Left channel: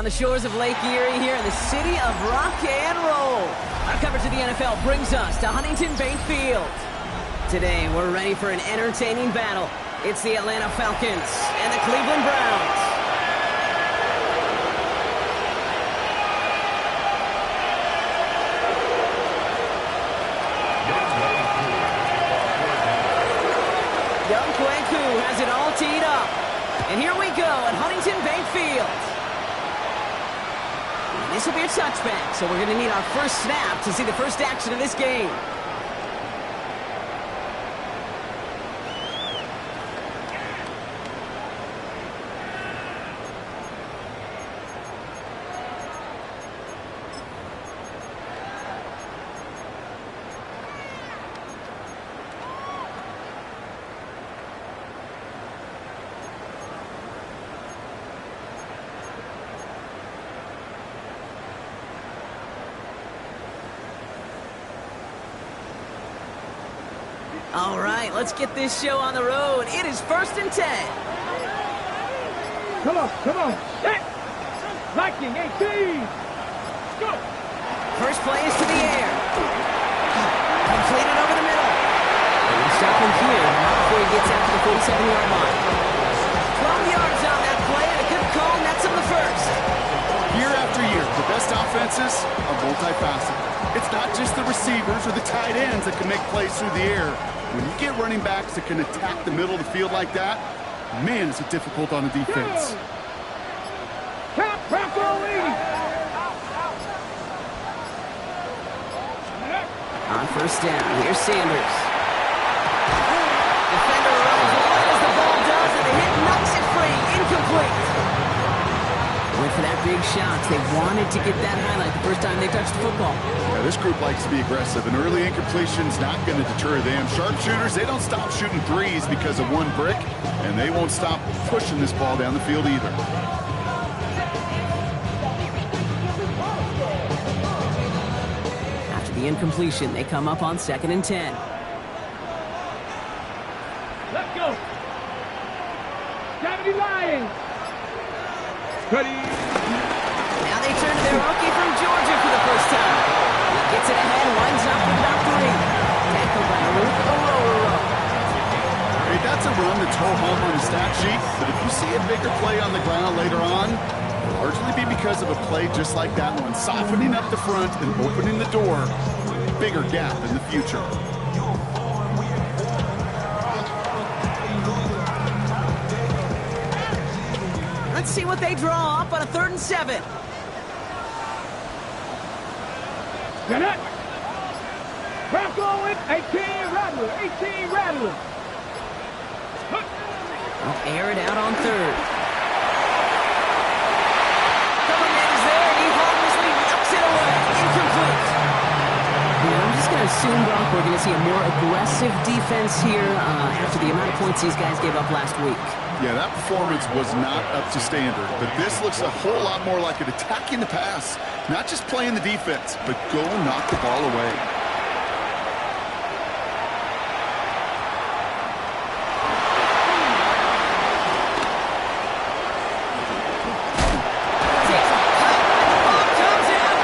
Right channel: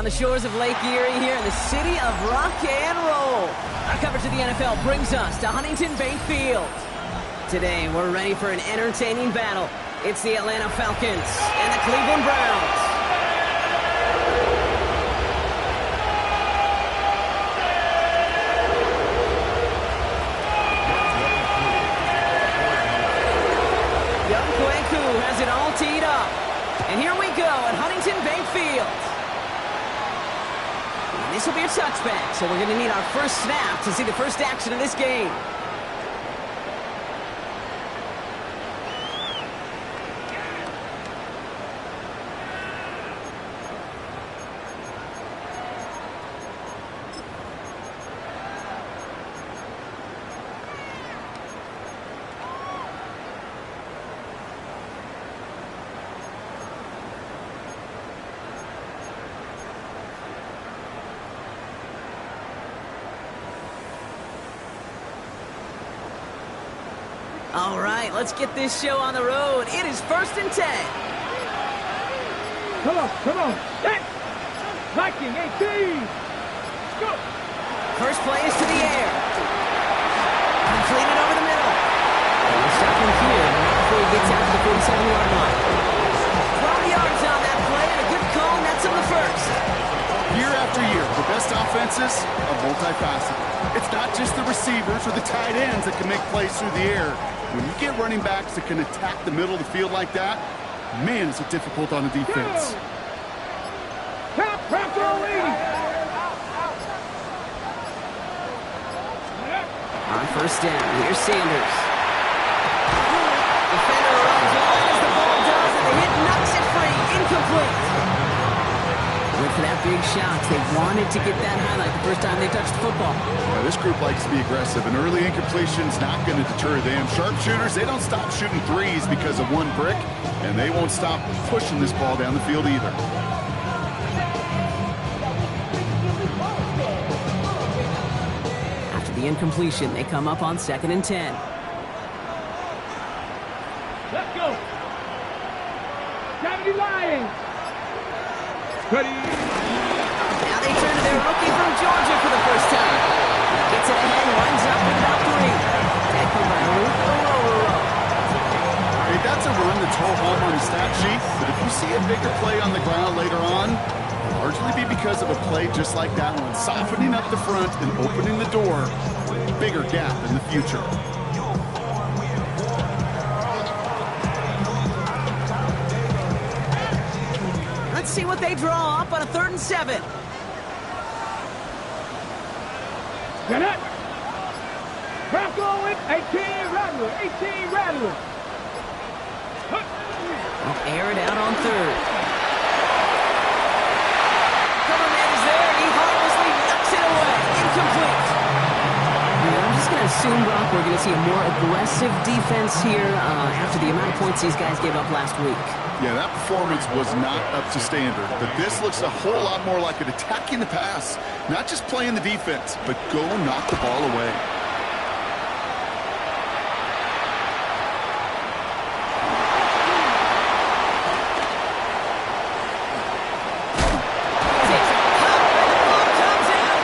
on the shores of Lake Erie here in the city of rock and roll. Our coverage of the NFL brings us to Huntington Bank Field. Today, we're ready for an entertaining battle. It's the Atlanta Falcons and the Cleveland Browns. Young Kwaku has it all teed up. And here we go at Huntington Bank Field. And this will be a touchback, so we're going to need our first snap to see the first action of this game. All right, let's get this show on the road. It is 1st and 10. Come on. Set. Viking 18. Go. First play is to the air. Completed over the middle. And we'll stop him here, not before he gets out to the 47-yard line. 12 yards on that play, and a good call nets him the first. Year after year, the best offenses are multifaceted. It's not just the receivers or the tight ends that can make plays through the air. When you get running backs that can attack the middle of the field like that, man, is it difficult on the defense. On first down, here's Sanders. Defender arrives wide as the ball does, and the hit knocks it free. Incomplete. Went for that big shot. They wanted to get that highlight the first time they touched the football. Yeah, this group likes to be aggressive. An early incompletion's not going to deter them. Sharpshooters, they don't stop shooting threes because of one brick, and they won't stop pushing this ball down the field either. After the incompletion, they come up on 2nd and 10. Let's go. Gravity Lions. Ready. Now they turn to their rookie from Georgia for the first time. He gets it ahead and winds up with about 3. Tackled by Luke Ororo. Hey, that's a run that's ho-hum on the stat sheet, but if you see a bigger play on the ground later on, it'll largely be because of a play just like that one, softening up the front and opening the door, bigger gap in the future. Let's see what they draw up on a 3rd and 7. Get it. Bronco with 18 Rattler. They'll air it out on 3rd. Coverman is there, and he harmlessly knocks it away. Incomplete. Yeah, I'm just going to assume, Brock, we're going to see a more aggressive defense here after the amount of points these guys gave up last week. Yeah, that performance was not up to standard, but this looks a whole lot more like it attacking the pass. Not just playing the defense, but go knock the ball away. Takes a pop, and the ball comes out.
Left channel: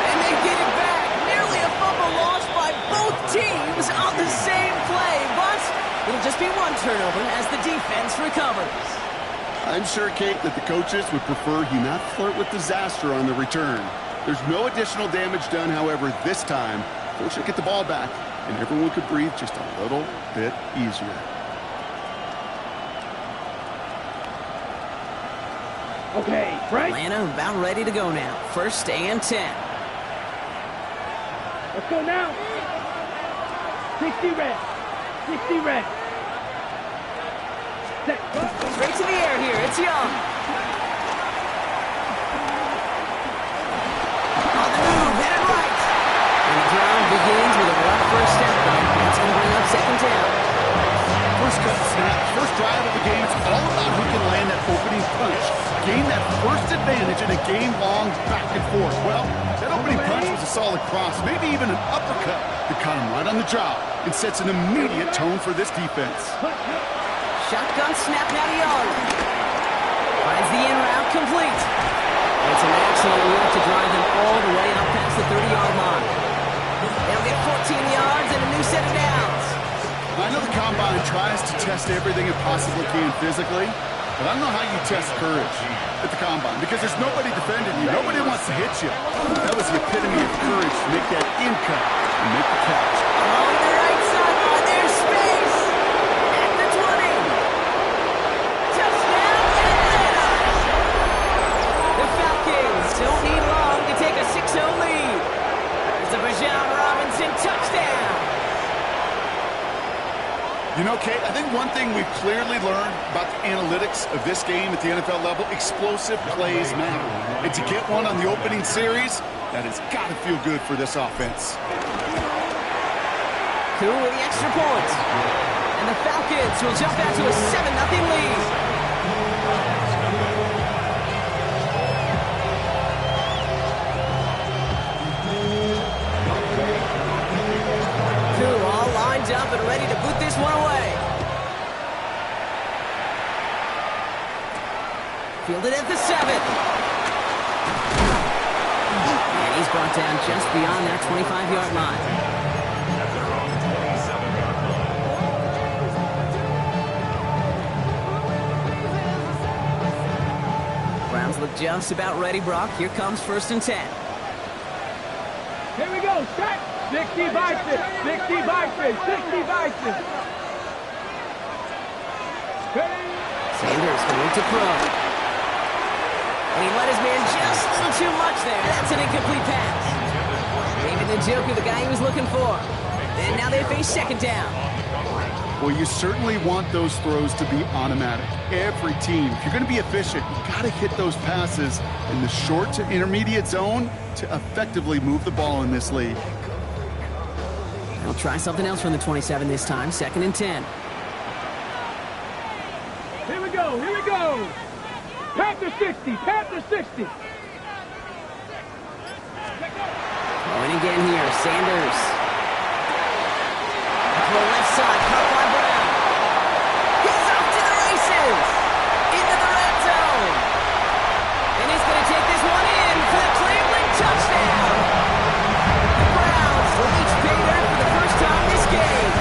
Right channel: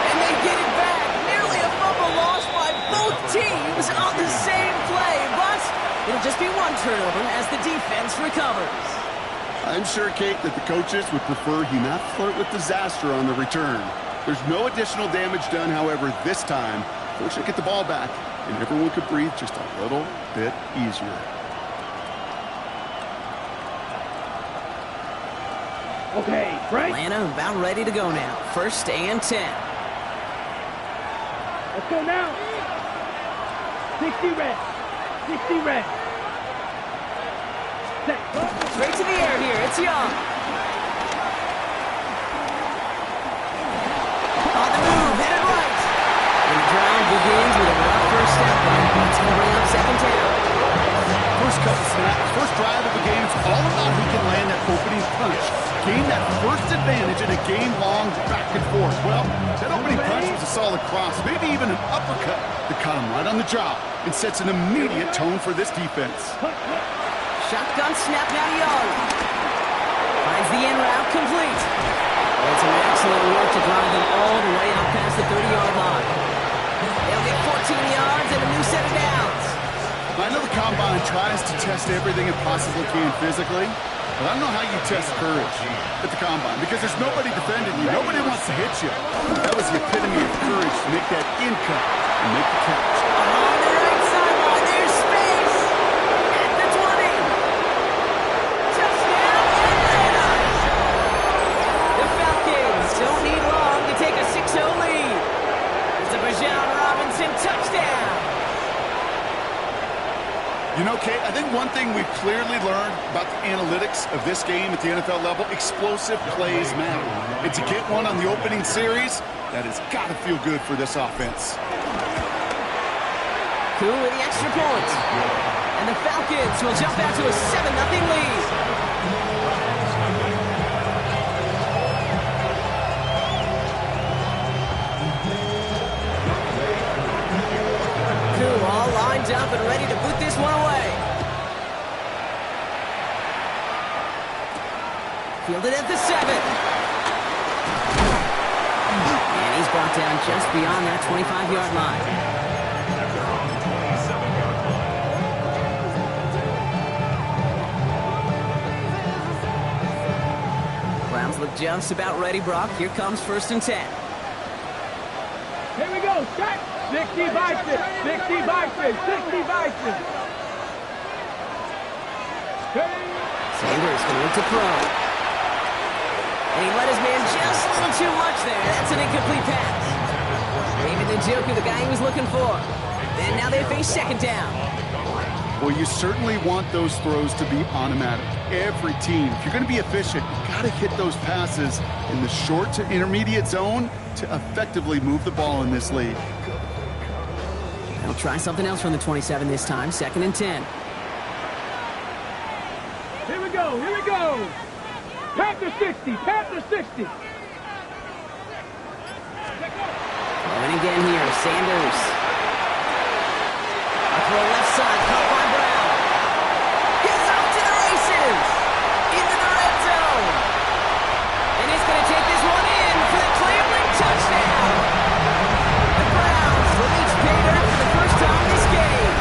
And they get it back. Nearly a fumble lost by both teams on the same play, but it'll just be one turnover as the defense recovers. I'm sure, Kate, that the coaches would prefer he not flirt with disaster on the return. There's no additional damage done, however, this time. Fortunately, get the ball back, and everyone could breathe just a little bit easier. Okay, Frank. Atlanta about ready to go now. 1st and 10. Let's go now. 60 red. Set. Straight to the air here. It's Young. On the move, headed right. And the drive begins with a rough first step there. That's going to bring up 2nd down. First cut snap, first drive of the game. It's all about who can land that opening punch. Gain that first advantage in a game-long back and forth. Well, that opening punch was a solid cross, maybe even an uppercut that caught him right on the job and sets an immediate tone for this defense. Shotgun snap now to Young. Finds the in route complete. And some excellent work to drive them all the way out past the 30-yard line. They'll get 14 yards and a new set of downs. I know the Combine tries to test everything it possibly can physically, but I don't know how you test courage at the Combine because there's nobody defending you. Nobody wants to hit you. That was the epitome of courage to make that in cut and make the catch. Along the right sideline, there's space at the 20. Touchdown, Atlanta! The Falcons don't need long to take a 6-0 lead. It's a Bijan Robinson touchdown. You know, Kate, I think one thing we've clearly learned about the analytics of this game at the NFL level, explosive plays matter. And to get one on the opening series, that has got to feel good for this offense. Cool with the extra point. And the Falcons will jump out to a 7-0 lead. All lined up and ready to boot this one away. Fielded at the 7. And he's brought down just beyond that 25-yard line. At their own 27-yard line. Browns look just about ready, Brock. Here comes 1st and 10. Here we go, set. 60 by 6, 60 by 6, 60 by 6. Sanders going to look to throw. And he let his man just a little too much there. That's an incomplete pass. David Njoku, the guy he was looking for. And now they face 2nd down. Well, you certainly want those throws to be automatic. Every team, if you're going to be efficient, you've got to hit those passes in the short to intermediate zone to effectively move the ball in this league. They'll try something else from the 27 this time. 2nd and 10. Here we go, here we go. Panther 60, Panther 60. Going again here, Sanders. A throw left side, caught by Brown. He's off to the races. Into the red zone. And he's going to take this one in for the Cleveland touchdown. The Browns will reach pay dirt for the first time this game.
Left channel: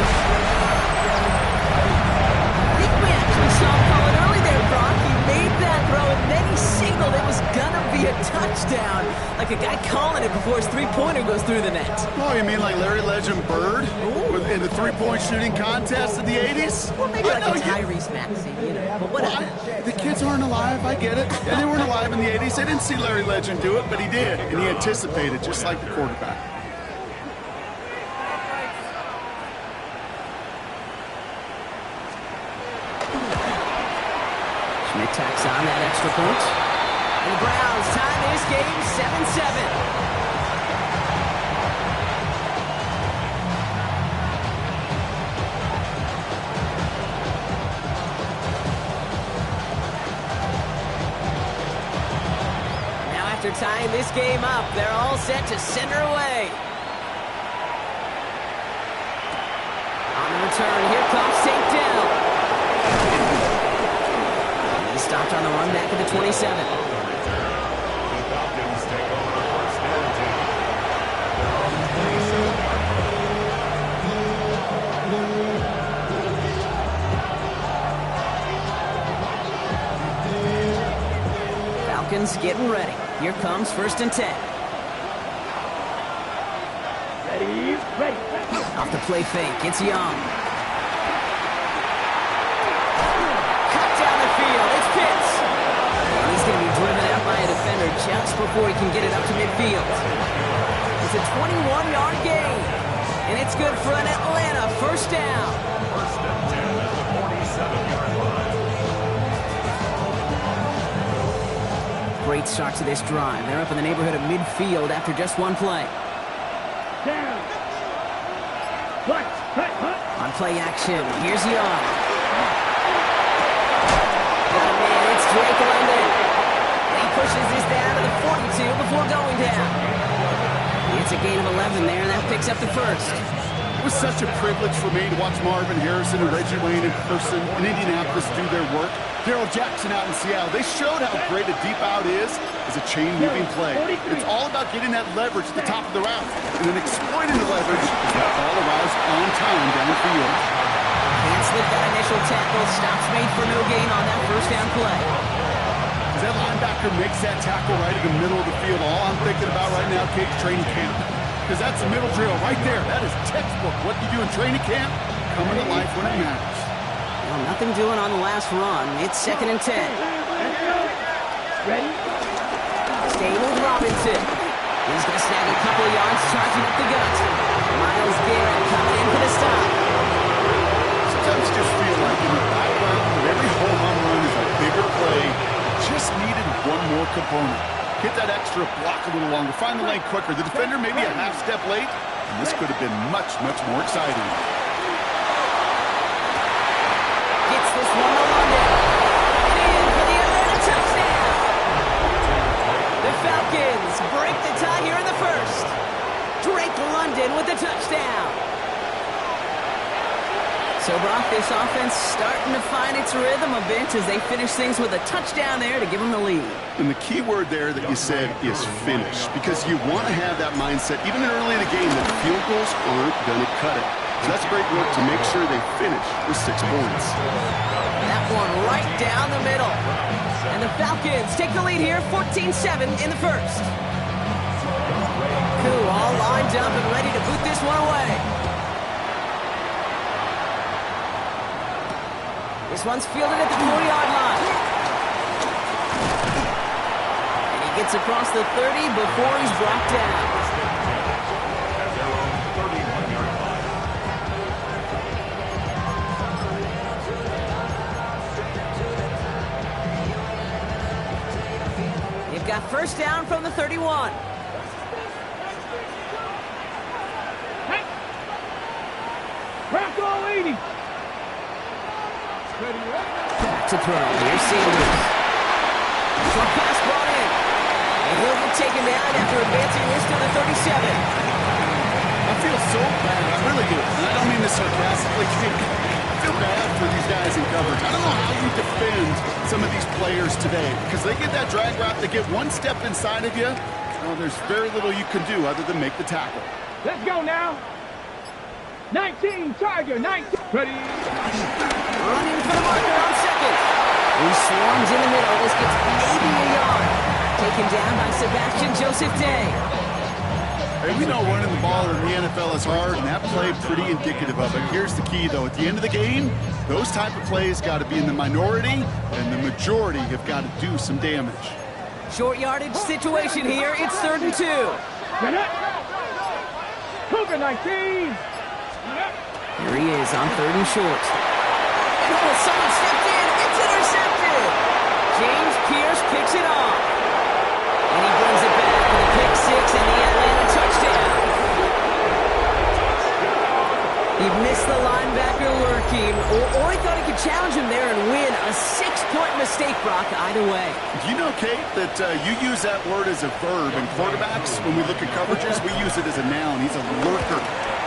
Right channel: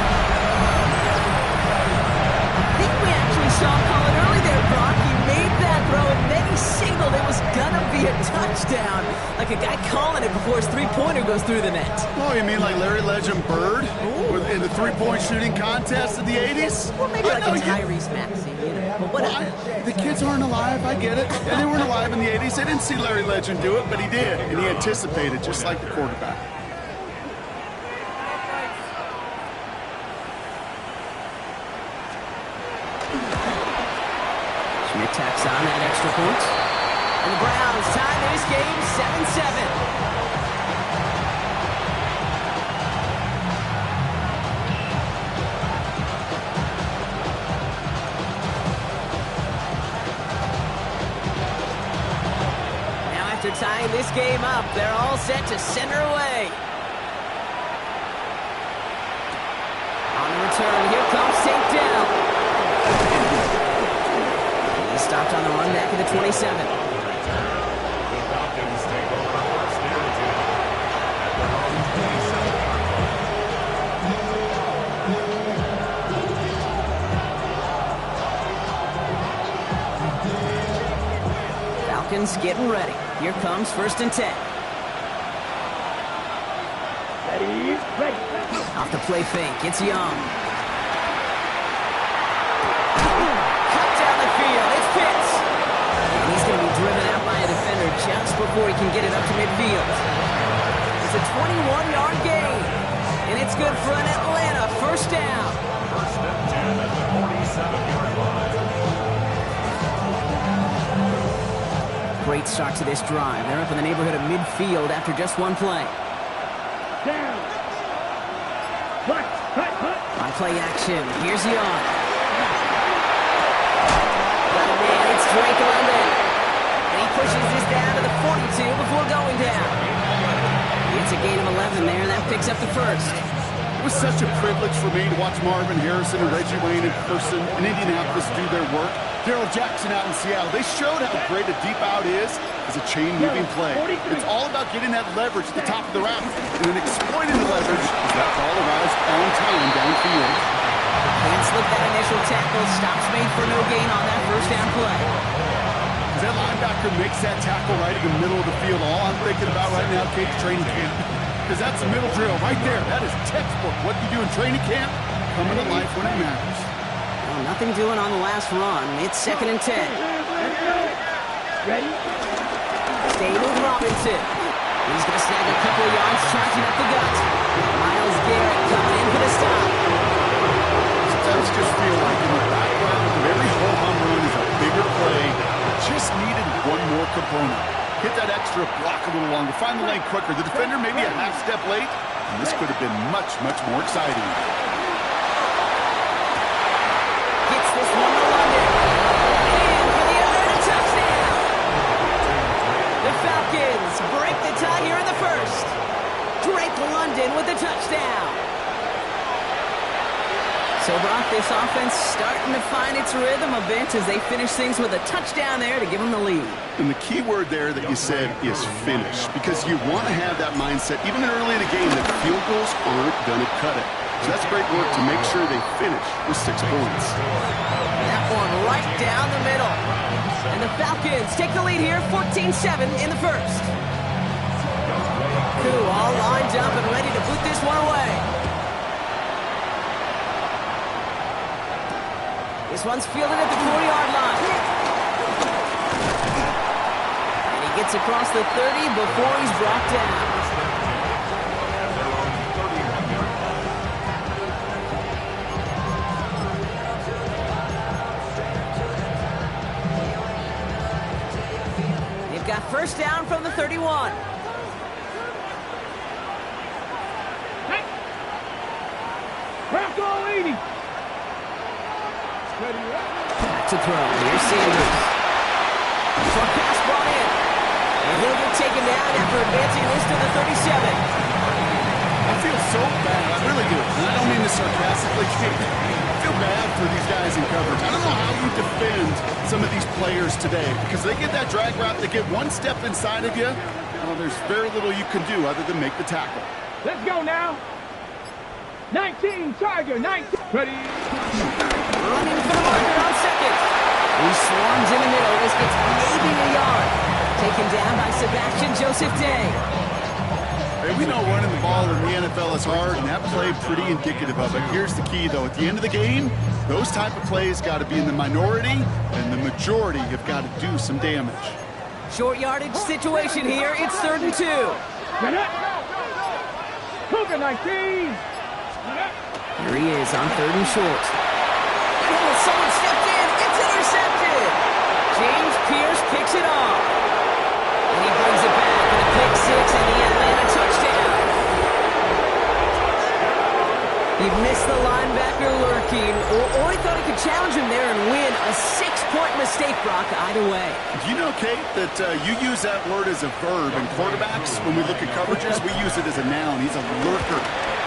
I think we actually saw him call it early there, Brock. He made that throw, and then he signaled it was going to be a touchdown. Like a guy calling it before his three-pointer goes through the net. Oh, you mean like Larry Legend Bird in the three-point shooting contest of the 80s? Or maybe like a Tyrese Maxey, you know. But whatever. The kids aren't alive, I get it. And they weren't alive in the 80s. They didn't see Larry Legend do it, but he did. And he anticipated, just like the quarterback. Schmidt tacks on that extra point. And the Browns tie this game 7-7. Now after tying this game up, they're all set to send her away. On the return, here comes St. Dell. He stopped on the run back at the 27. On the return, the Falcons take over 1st and 10 at their own 27-yard line. Falcons getting ready. Here comes 1st and 10. Ready, ready. Off the play fake, it's Young. Cut down the field, it's Pitts. And he's going to be driven out by a defender just before he can get it up to midfield. It's a 21-yard gain. And it's good for an Atlanta 1st down. 1st and 10 at the 47-yard line. Great start to this drive. They're up in the neighborhood of midfield after just one play. Down. Cut. On play action, here's Young. Got a man, it's Drake London. And he pushes this down to the 42 before going down. It's a gain of 11 there, and that picks up the 1st. It was such a privilege for me to watch Marvin Harrison and Reggie Wayne in person in Indianapolis do their work. Darryl Jackson out in Seattle, they showed how great a deep out is as a chain-moving play. It's all about getting that leverage at the top of the route and then exploiting the leverage as that ball arrives on time downfield. Can't slip that initial tackle. Stops made for no gain on that first down play. As that linebacker makes that tackle right in the middle of the field, all I'm thinking about right now, Kate, training camp. Because that's a middle drill right there. That is textbook. What you do in training camp, coming to life when it matters. Well, nothing doing on the last run. It's 2nd and 10. Ready? Stay with Robinson. He's going to snag a couple of yards, charging up the gut. Miles Garrett coming in for the stop. Sometimes just feel like in the background of every whole home run is a bigger play. Just needed one more component. Hit that extra block a little longer. Find the lane quicker. The defender maybe a half step late. And this could have been much, much more exciting. Gets this one to London. And in for the Atlanta touchdown. The Falcons break the tie here in the first. Drake London with the touchdown. So, Brock, this offense starting to find its rhythm a bit as they finish things with a touchdown there to give them the lead. And the key word there that you said is finish, because you want to have that mindset, even early in the game, that field goals aren't going to cut it. So that's great work to make sure they finish with 6 points. That one right down the middle. And the Falcons take the lead here, 14-7 in the first. Koo all lined up and ready to boot this one away. This one's fielded at the 40-yard line. And he gets across the 30 before he's brought down. At their own 31-yard line. They've got first down from the 31. Crack all 80. Back to throw. Here's Sanders. Short pass brought in. And he'll get taken down after advancing this to the 37. I feel so bad. I really do. And I don't mean this sarcastically. I feel bad for these guys in coverage. I don't know how you defend some of these players today, because they get that drag route, they get one step inside of you. Well, there's very little you can do other than make the tackle. Let's go now. 19, Charger, 19. Ready? Running for the marker on second. He swarms in the middle. This gets maybe a yard. Taken down by Sebastian Joseph Day. Hey, we know running the ball in the NFL is hard, and that play pretty indicative of it. Here's the key, though. At the end of the game, those type of plays got to be in the minority, and the majority have got to do some damage. Short yardage situation here. It's 3rd and 2. Get up. Cougar 19. Here he is on 3rd and short. And oh, someone stepped in. It's intercepted. James Pierce picks it off. And he brings it back for the pick 6 and the Atlanta touchdown. He missed the linebacker lurking, or he thought he could challenge him there and win. A 6-point mistake, Brock, either way. Do you know, Kate, that you use that word as a verb in quarterbacks? When we look at coverages, we use it as a noun. He's a lurker.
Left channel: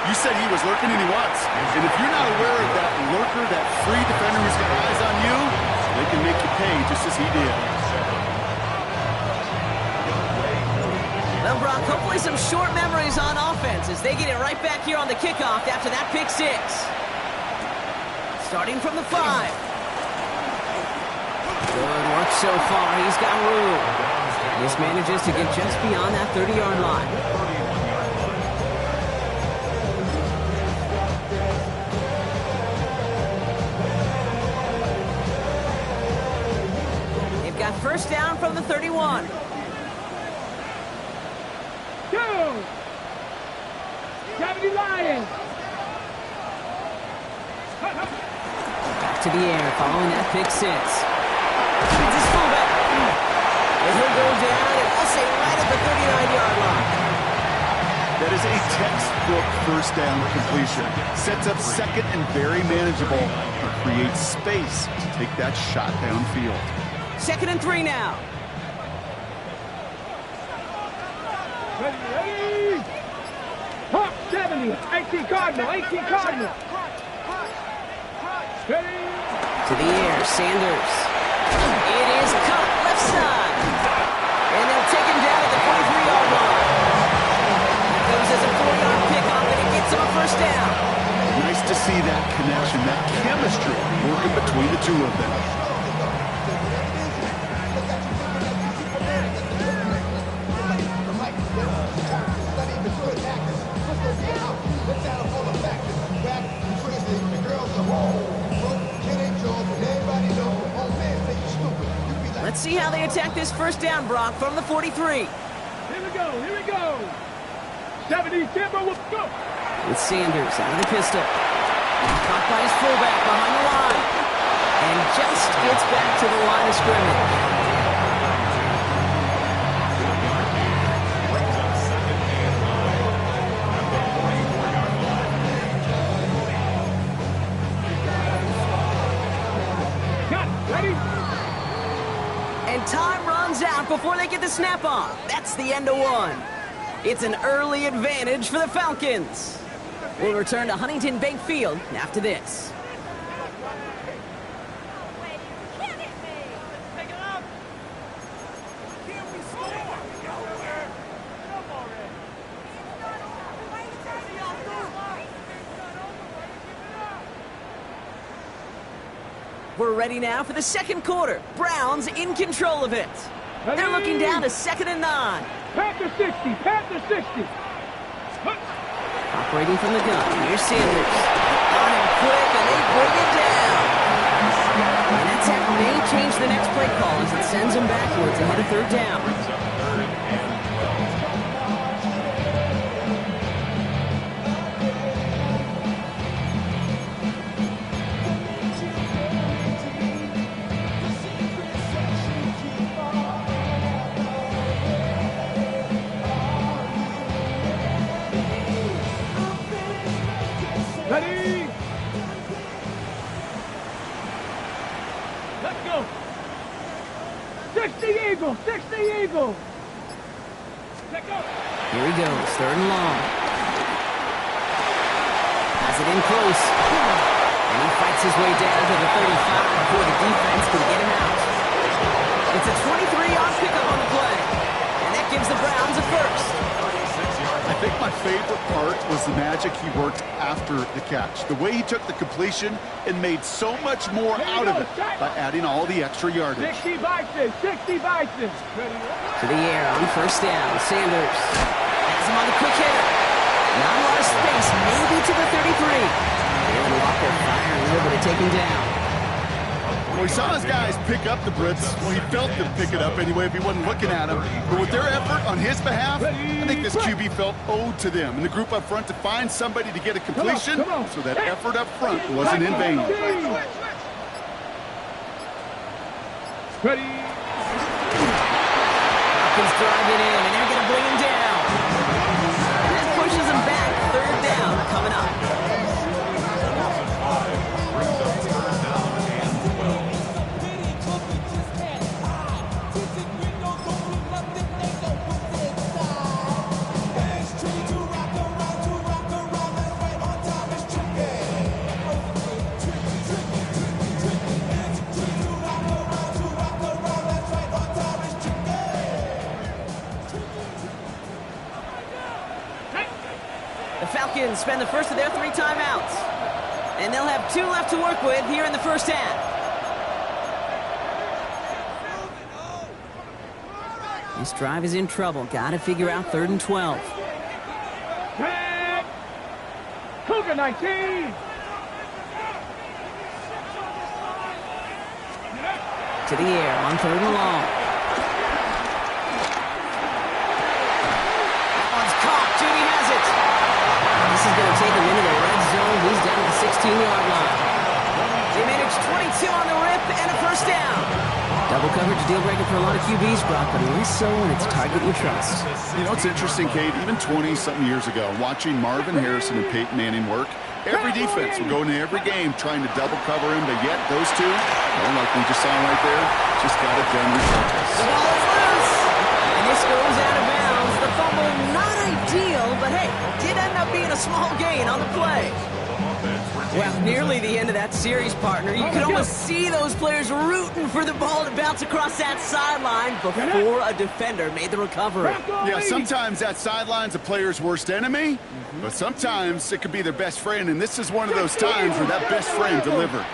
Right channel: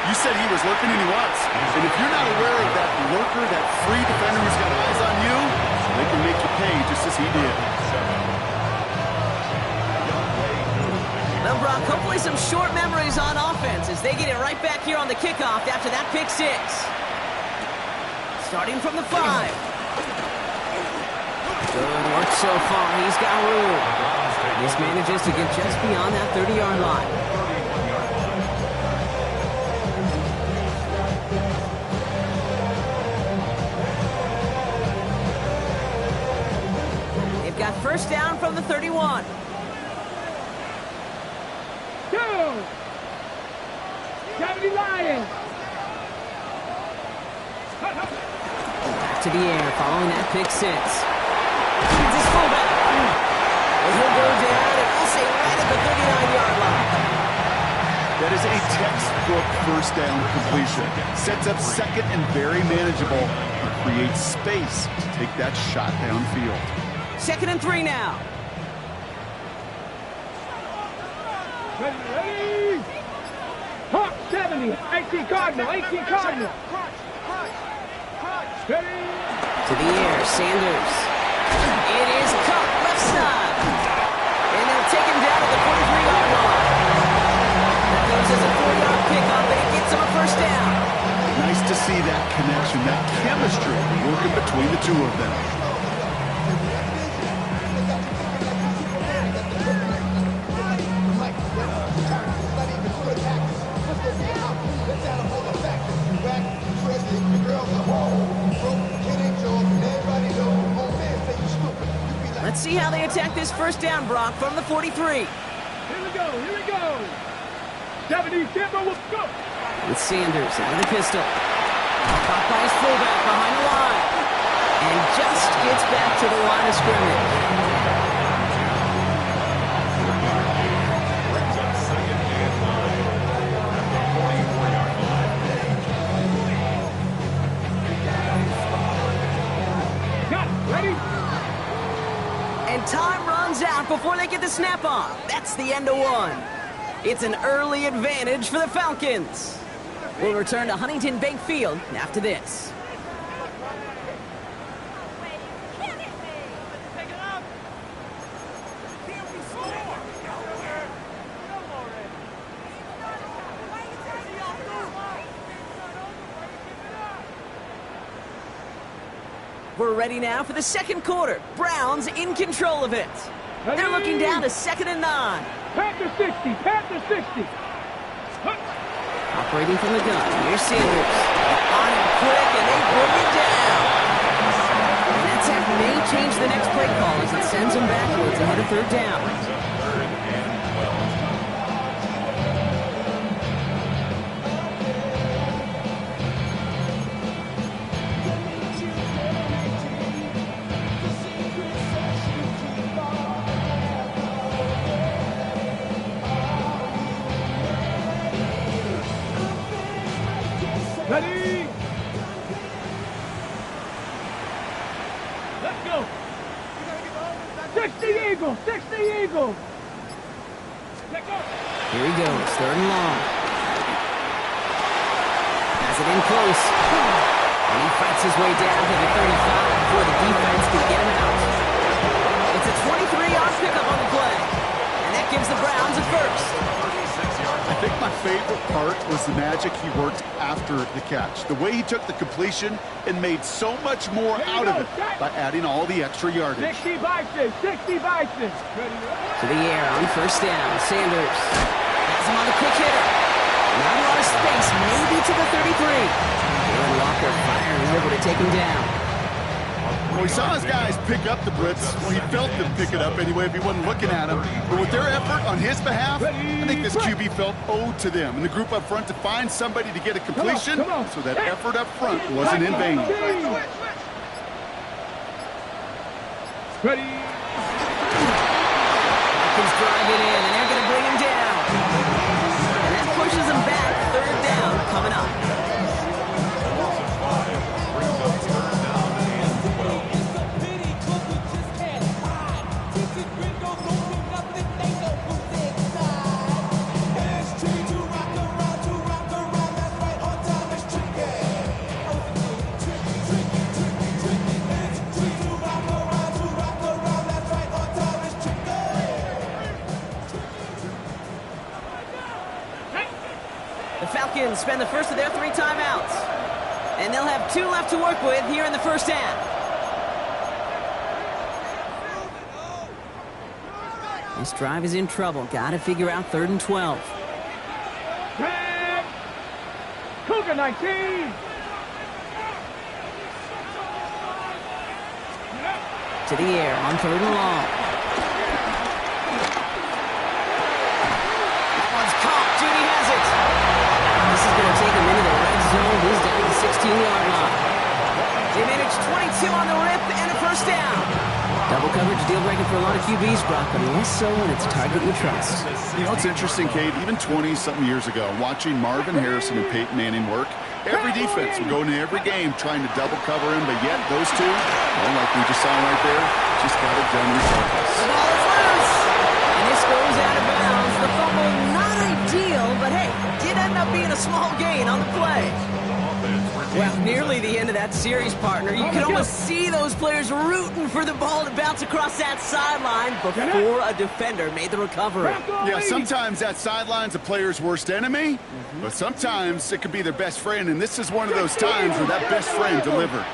You said he was lurking, and he was. And if you're not aware of that lurker, that free defender who's got eyes on you, they can make you pay just as he did. Well, Brock, hopefully some short memories on offense as they get it right back here on the kickoff after that pick 6. Starting from the 5. Good work so far. He's got room. This manages to get just beyond that 30-yard line. They've got first down from the 31. Go! 70 Lions! Back to the air following that pick 6. Feeds his fullback. And he'll go down and I'll say right at the 39-yard line. That is a textbook first down completion. Sets up second and very manageable, and creates space to take that shot downfield. 2nd and 3 now. Ready? Hawk 70, 18 Cardinal, 18 Cardinal. Ready? To the air, Sanders. It is caught left side. And they'll take him down at the 43-yard line. That goes as a 4-yard pickup, and it gets him a first down. Nice to see that connection, that chemistry working between the two of them. Let's see how they attack this first down, Brock, from the 43. Here we go, here we go. 70 Timber, let's go. With Sanders out of the pistol. Caught by his fullback behind the line. And just gets back to the line of scrimmage. Brings up 2nd and 9 at the 44-yard line. Got it, ready? And time runs out before they get the snap off. That's the end of one. It's an early advantage for the Falcons. We'll return to Huntington Bank Field after this. We're ready now for the second quarter. Browns in control of it. They're looking down to 2nd and 9. Panther 60, Panther 60. Operating from the gun, here's Sanders. On him quick, and they bring it down. And that attack may change the next play call as it sends them backwards ahead of 3rd down. Brings up 3rd and 12. Ready? Let's go. 60 Eagle, 60 Eagle. Let go. Here he goes, 3rd and long. Has it in close. And he fights his way down to the 35 before the defense can get him out. It's a 23-yard pickup on the play. And that gives the Browns a first. I think my favorite part was the magic he worked after the catch. The way he took the completion and made so much more out of it by adding all the extra yardage. 60 Bison, 60 Bison. Ready? To the air on first down. Sanders has him on the quick hitter. Not a lot of space, maybe to the 33. Jalen Walker firing over to take him down. Well, he saw his guys pick up the blitz. Well, he felt them pick it up anyway if he wasn't looking at him. But with their effort on his behalf, I think this QB felt owed to them and the group up front to find somebody to get a completion, so that effort up front wasn't in vain. Ready? Falcons drive it in, and they're going to bring him down. And that pushes him back. 3rd down coming up. Loss of 5 brings up 3rd down and 12. The Falcons spend the first of their 3 timeouts. And they'll have 2 left to work with here in the first half. This drive is in trouble. Got to figure out 3rd and 12. Cougar 19. To the air on 3rd and long. That one's caught. Judy has it. This is going to take him into the red zone. He's down to the 16-yard line. They managed 22 on the rip and a first down. Double coverage deal breaker for a lot of QBs, Brock, but less so when it's a target you trust. You know, it's interesting, Kate, even 20-something years ago, watching Marvin Harrison and Peyton Manning work, every defense would go into every game trying to double cover him, but yet those two, well, like we just saw right there, just got it done regardless. The ball is loose, and this goes out of bounds. The fumble not ideal, but but hey, did end up being a small gain on the play. Well, nearly the end of that series, partner. You could almost see those players rooting for the ball to bounce across that sideline before a defender made the recovery. Yeah, sometimes that sideline's a player's worst enemy, but sometimes it could be their best friend, and this is one of those times where that best friend delivered.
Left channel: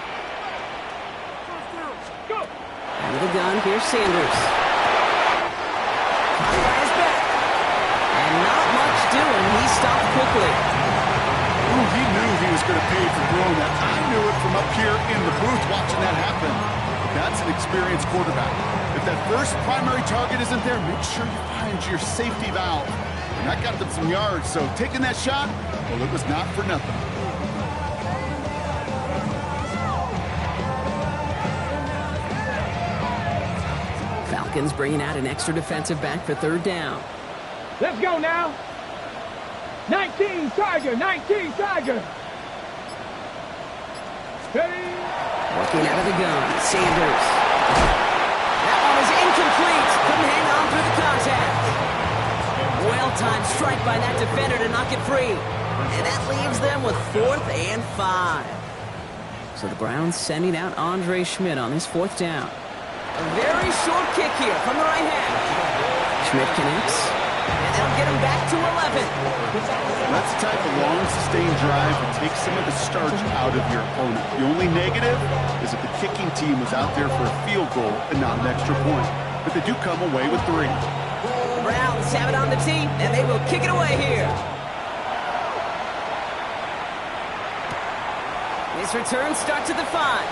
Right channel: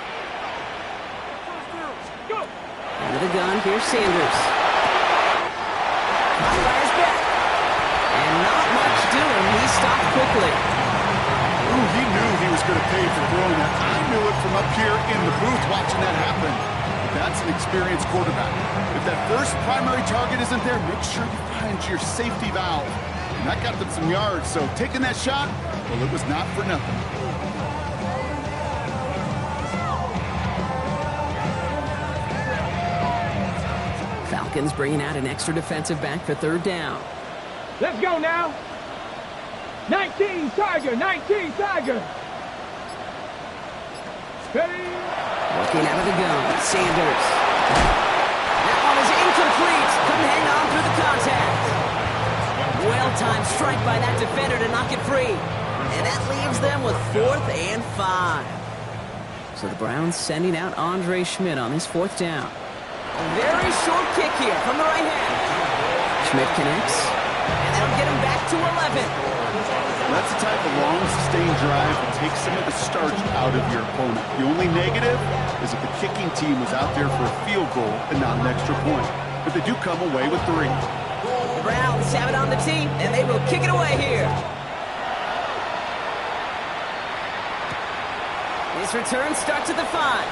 Out of the gun, here's Sanders. Caught by his back. And not much doing. He stopped quickly. Ooh, he knew he was going to pay for throwing that. I knew it from up here in the booth watching that happen. But that's an experienced quarterback. If that first primary target isn't there, make sure you find your safety valve. And that got them some yards, so taking that shot, well, it was not for nothing. Falcons bringing out an extra defensive back for third down. Let's go now. 19 Tiger, 19 Tiger. Ready? Working out of the gun, Sanders. That one is incomplete. Couldn't hang on through the contact. Well-timed strike by that defender to knock it free. And that leaves them with 4th and 5. So the Browns sending out Andre Schmidt on his 4th down. A very short kick here from the right hand. Schmidt connects. And they'll get him back to 11. That's the type of long, sustained drive that takes some of the starch out of your opponent. The only negative is that the kicking team was out there for a field goal and not an extra point. But they do come away with 3. The Browns have it on the tee, and they will kick it away here. This return starts at the 5.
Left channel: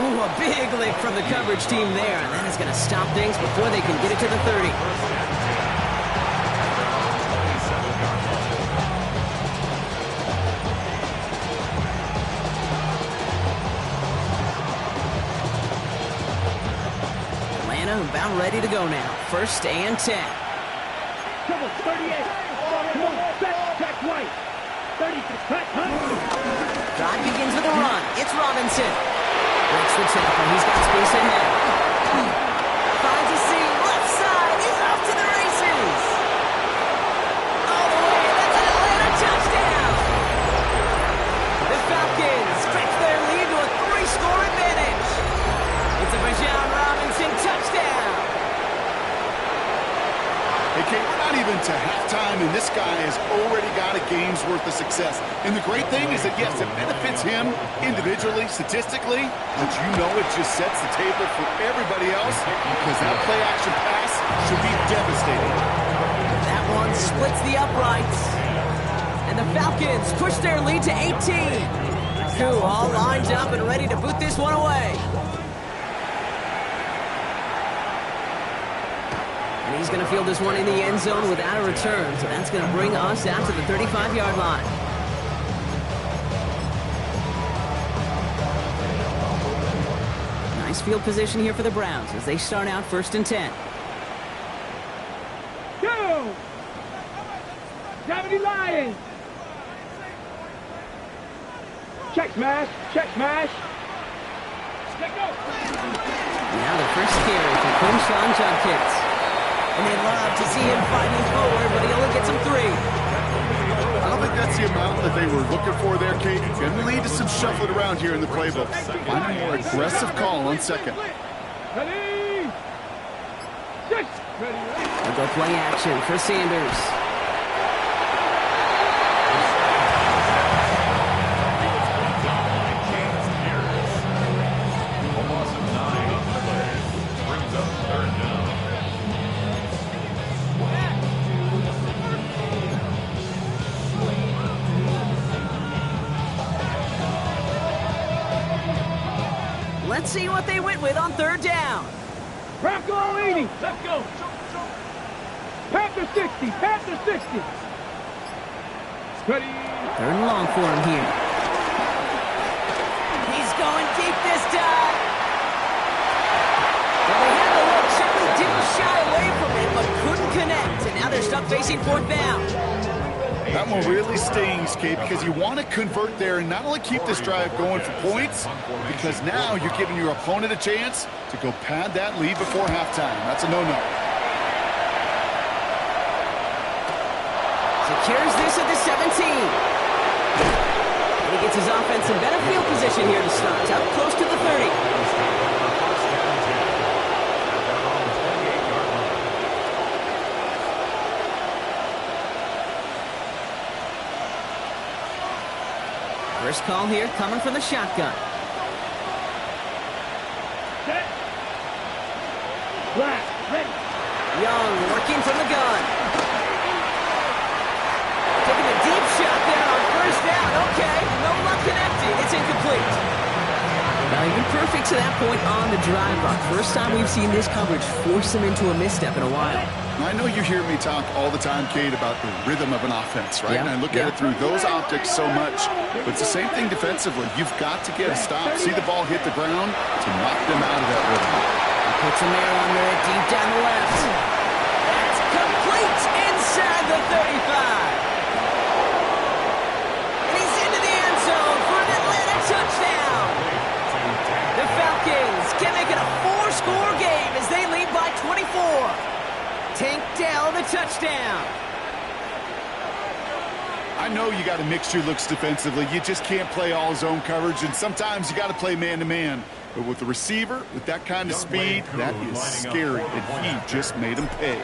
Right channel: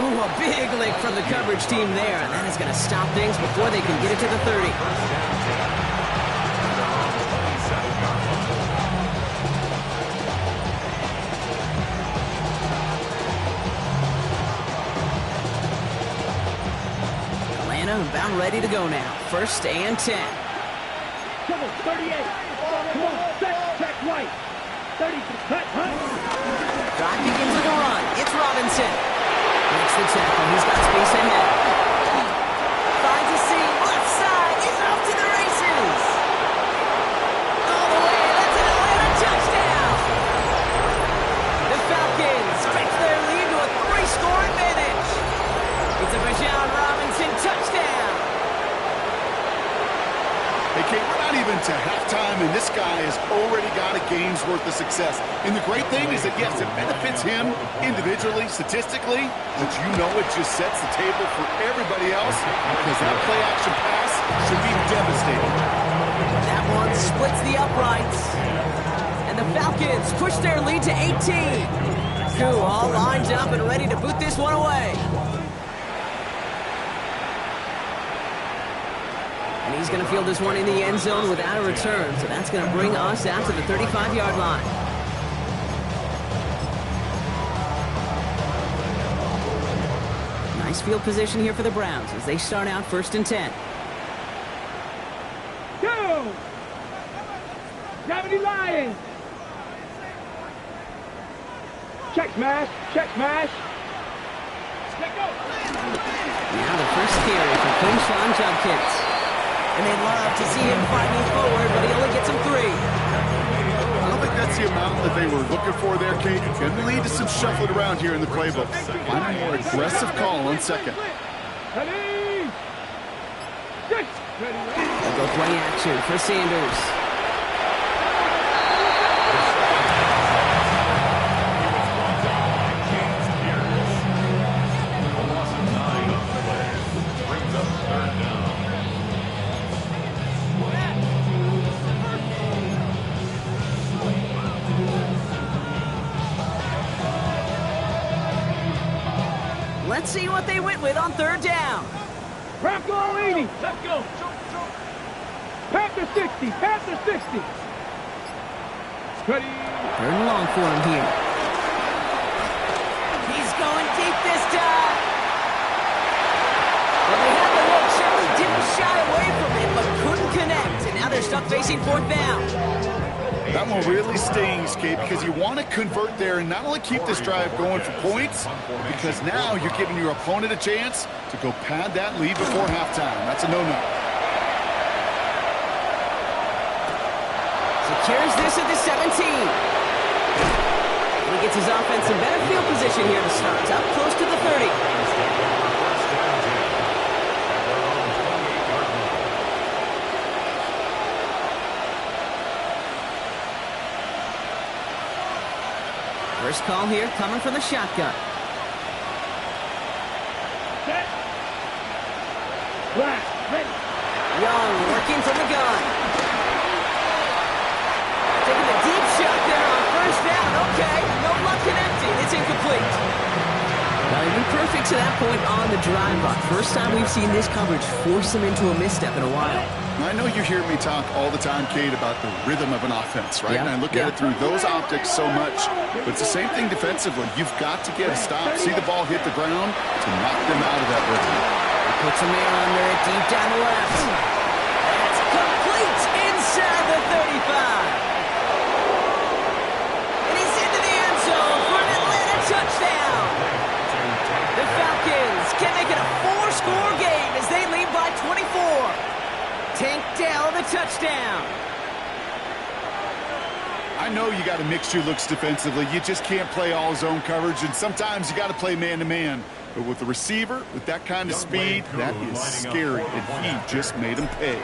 Ooh, a big lick from the coverage team there, and that is going to stop things before they can get it to the 30. Atlanta about ready to go now. 1st and 10. Come on, 38. Come on, check white. 30, cut, Drive begins with a run. It's Robinson. Breaks the tackle. He's got space ahead. Finds a seam. Left side. He's off to the races. All the way. That's an Atlanta touchdown. The Falcons stretch their lead to a 3-score advantage. It's a Bijan Robinson touchdown. Hey, Kate, we're not even to halftime, and this guy has already got a game's worth of success. And the great thing is that, yes, it benefits him individually, statistically, but you know it just sets the table for everybody else because that play-action pass should be devastating. That one splits the uprights. And the Falcons push their lead to 18. Cool, all lined up and ready to boot this one away. And he's going to field this one in the end zone without a return. So that's going to bring us out to the 35-yard line. Nice field position here for the Browns as they start out 1st and 10. Go! 70 Lions. Check smash, check smash. Let go. Now the first carry for Quinshawn Judkins. And they love to see him fighting forward, but he only gets him 3. I don't think that's the amount that they were looking for there, Kate. Going to lead to some shuffling around here in the playbook. Find a more aggressive call on 2nd. Ready? 6. Ready? They'll go play action for Sanders. A loss of 9 on the play. Brings up 3rd down. Let's see what they went with on 3rd down. Bronco 80. Let's go. Panther 60. Panther 60. Ready? 3rd and long for him here. He's going deep this time. Well, they had the look. Certainly didn't shy away from it, but couldn't connect. And now they're stuck facing 4th down. That one really stings, Kate, because you want to convert there and not only keep this drive going for points, because now you're giving your opponent a chance to go pad that lead before halftime. That's a no-no. secures this at the 17. And he gets his offense in better field position here to start. Up close to the 30. Falcons take over first down and 10 at their own 28-yard line. First call here coming from the shotgun. Set. Blast. Ready. Young working from the gun. Taking a deep shot there on first down. Okay, no luck connecting. It's incomplete. Now, he's been perfect to that point on the drive, Brock. First time we've seen this coverage force him into a misstep in a while. I know you hear me talk all the time, Kate, about the rhythm of an offense, right? Yeah, And I look at it through those optics so much. But it's the same thing defensively. You've got to get a stop, see the ball hit the ground to knock them out of that rhythm. He puts a mirror under it deep down the left. That's complete inside the 35. And he's into the end zone for an Atlanta touchdown. The Falcons can make it a 4-score game as they lead by 24. Tank Dell the touchdown. I know you got to mix your looks defensively. You just can't play all zone coverage, and sometimes you got to play man-to-man. But with the receiver, with that kind of speed, that is scary, and he just made him pay.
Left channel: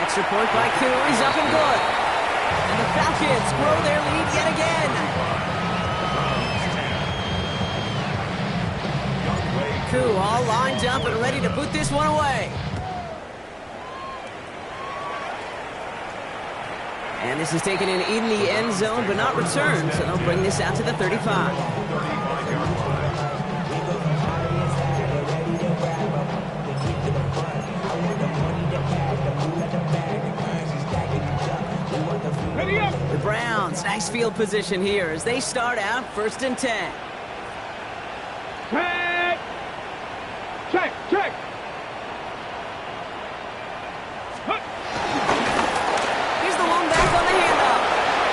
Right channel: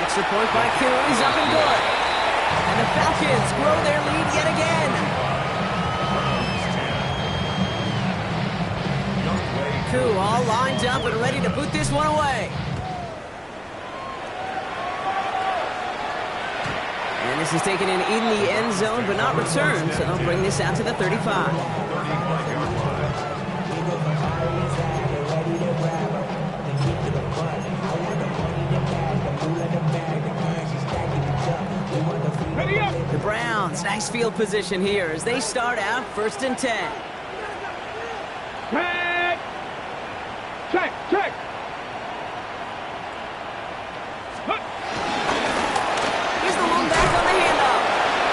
Extra point by Koo is up and good. And the Falcons grow their lead yet again. Koo all lined up and ready to boot this one away. And this is taken in the end zone, but not returned, so they'll bring this out to the 35. Ready up. The Browns, nice field position here as they start out 1st and 10. Check. Check. Check. Here's the one back on the handoff.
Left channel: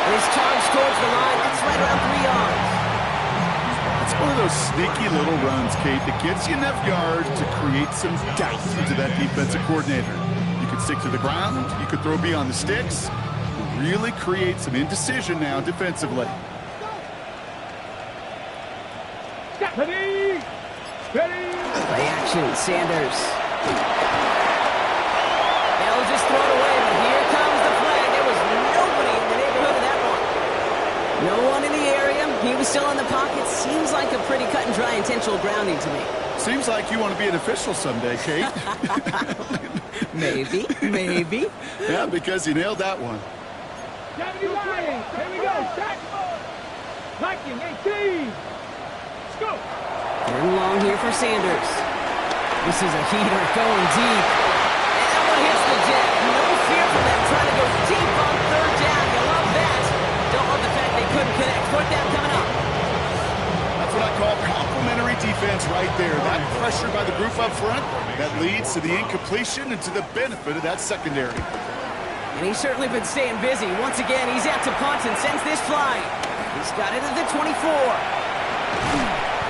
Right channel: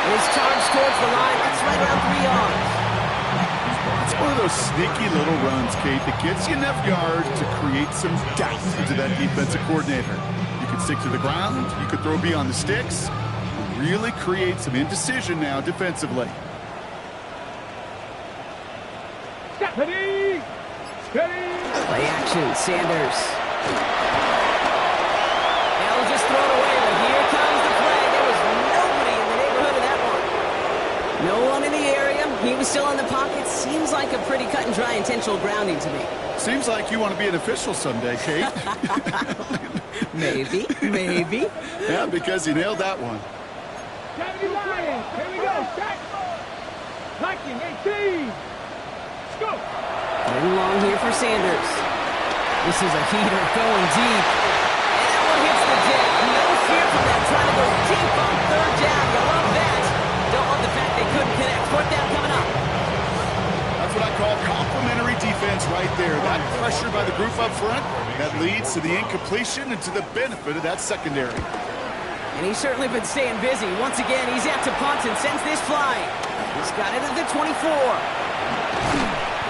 And his charge towards the line, that's right around 3 yards. It's one of those sneaky little runs, Kate, that gets you enough yards to create some doubt into that defensive coordinator. You could stick to the ground, you could throw beyond the sticks, really create some indecision now defensively. Ready. Ready. Play action, Sanders. They'll just throw it away, but here comes the flag. There was nobody in the neighborhood of that one. No one in the area. He was still in the pocket. Seems like a pretty cut and dry intentional grounding to me. Seems like you want to be an official someday, Kate. Maybe, maybe. Yeah, because you nailed that one. 79. Here we go. Set. Viking 18. Let's go. 3rd and long here for Sanders. This is a heater going deep. And that one hits the deck. No fear from them trying to go deep on 3rd down. You love that. Don't love the fact they couldn't connect. 4th down coming up. That's what I call complimentary defense right there. That pressure by the group up front, that leads to the incompletion and to the benefit of that secondary. And he's certainly been staying busy. Once again, he's out to punt and sends this flying. He's got it at the 24.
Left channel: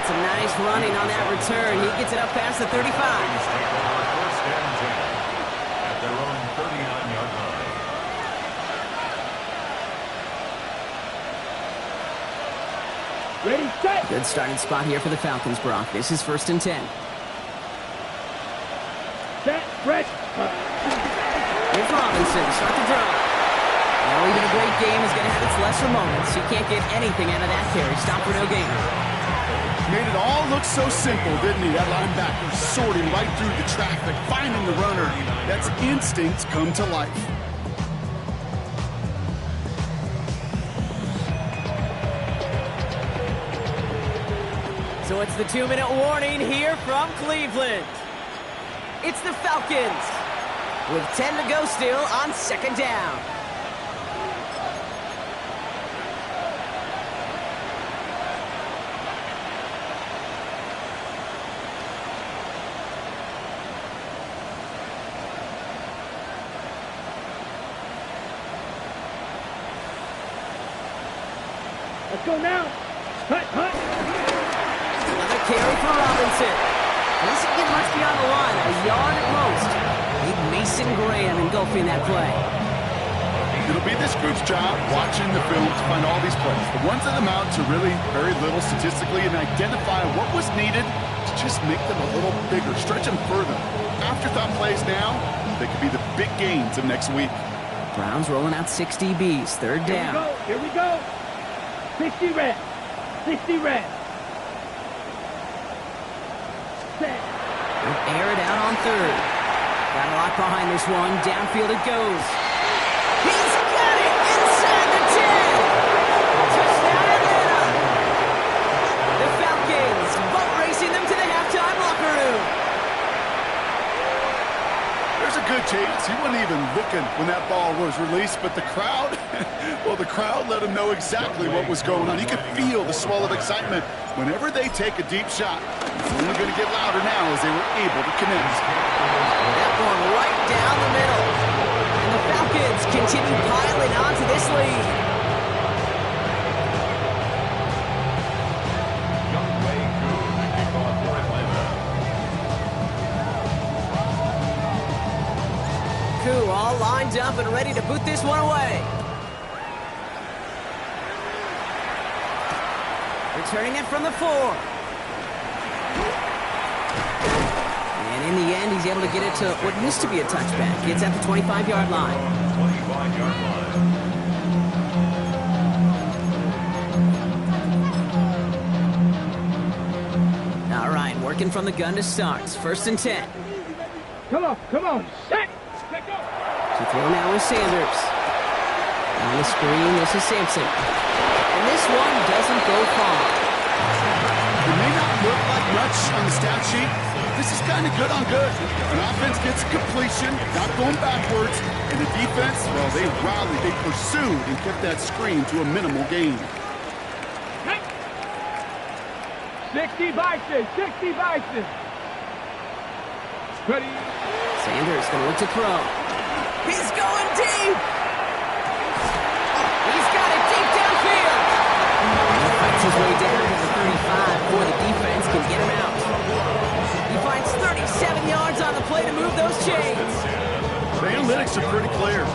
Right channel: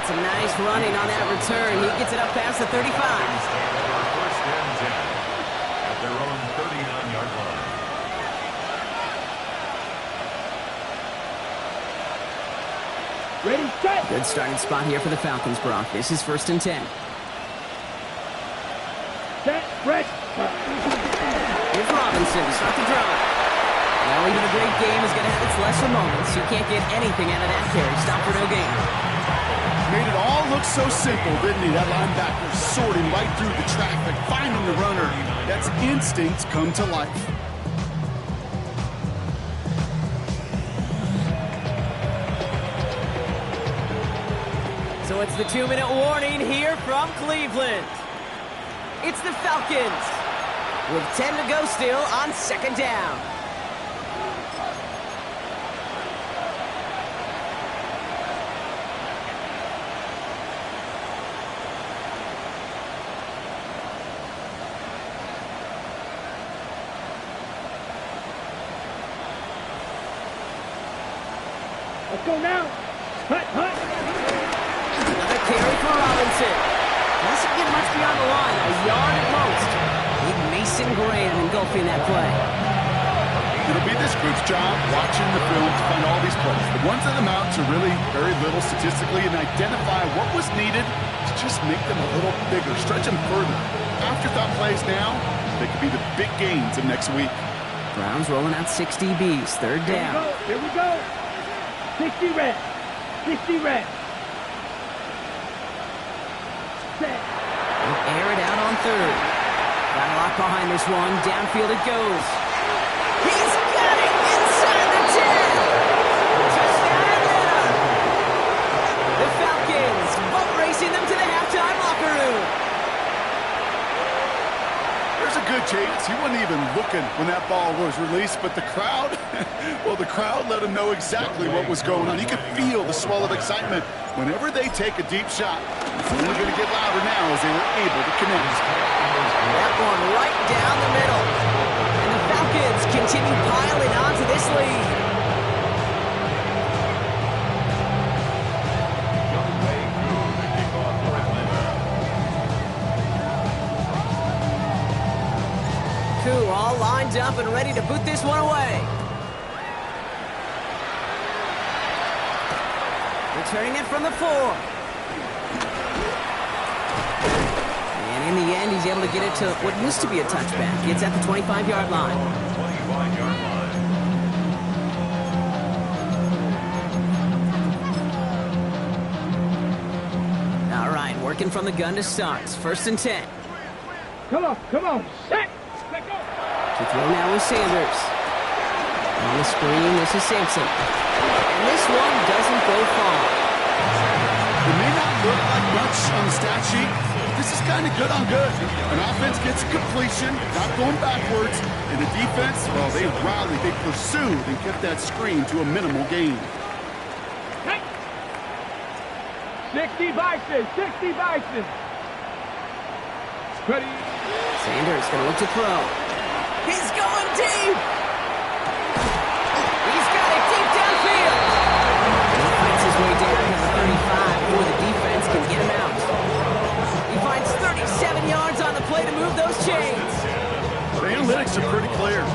It's a nice running on that return. He gets it up past the 35. Falcons take over first and 10 at their own 39-yard line. Ready, set. Good starting spot here for the Falcons, Brock. This is 1st and 10. Set. Ready. Here's Robinson to start the drive. Now, even a great game is going to have its lesser moments. You can't get anything out of that carry. Stop for no gain. Made it all look so simple, didn't he? That linebacker sorting right through the traffic, finding the runner. That's instincts come to life. So it's the 2-minute warning here from Cleveland. It's the Falcons with 10 to go still on 2nd down. Let's go now. Hut, hut. Another carry for Robinson. Doesn't get much beyond the line, a yard at most. Big Mason Graham engulfing that play. It'll be this group's job watching the film to find all these plays. The ones that amount to really very little statistically and identify what was needed to just make them a little bigger, stretch them further. Afterthought plays now, they could be the big gains of next week. Browns rolling out 6 DBs, third down. Here we go. 60 red. 60 red. Set. They'll air it out on third. Got a lot behind this one. Downfield it goes. He's got it inside the 10. Touchdown Atlanta. The Falcons boat racing them to the halftime locker room. There's a good chance he wasn't even looking when that ball was released, but the crowd, well, the crowd let him know exactly what was going on. You could feel the swell of excitement. Whenever they take a deep shot, it's only going to get louder now as they were able to connect. That one right down the middle. And the Falcons continue piling on to this lead. Young Way Koo, the kickoff for Atlanta. Koo all lined up and ready to boot this one away. Returning it from the 4. And in the end, he's able to get it to what used to be a touchback. It's at the 25-yard line. 25-yard line. All right, working from the gun to start. First and 10. Come on. Set. Let go. To throw now is Sanders. On the screen, this is Sampson. And this one doesn't go far. It may not look like much on the stat sheet, but this is kind of good on good. An offense gets a completion, not going backwards, and the defense, well, they rallied, they pursued, and kept that screen to a minimal gain. 60 Bison. 60 Bison. Ready. Sanders going to look to throw. He's going deep. He's got it deep downfield. And he fights his way down to the 35 before the defense can get him out. He finds 37 yards on the play to move those chains. The analytics are pretty clear.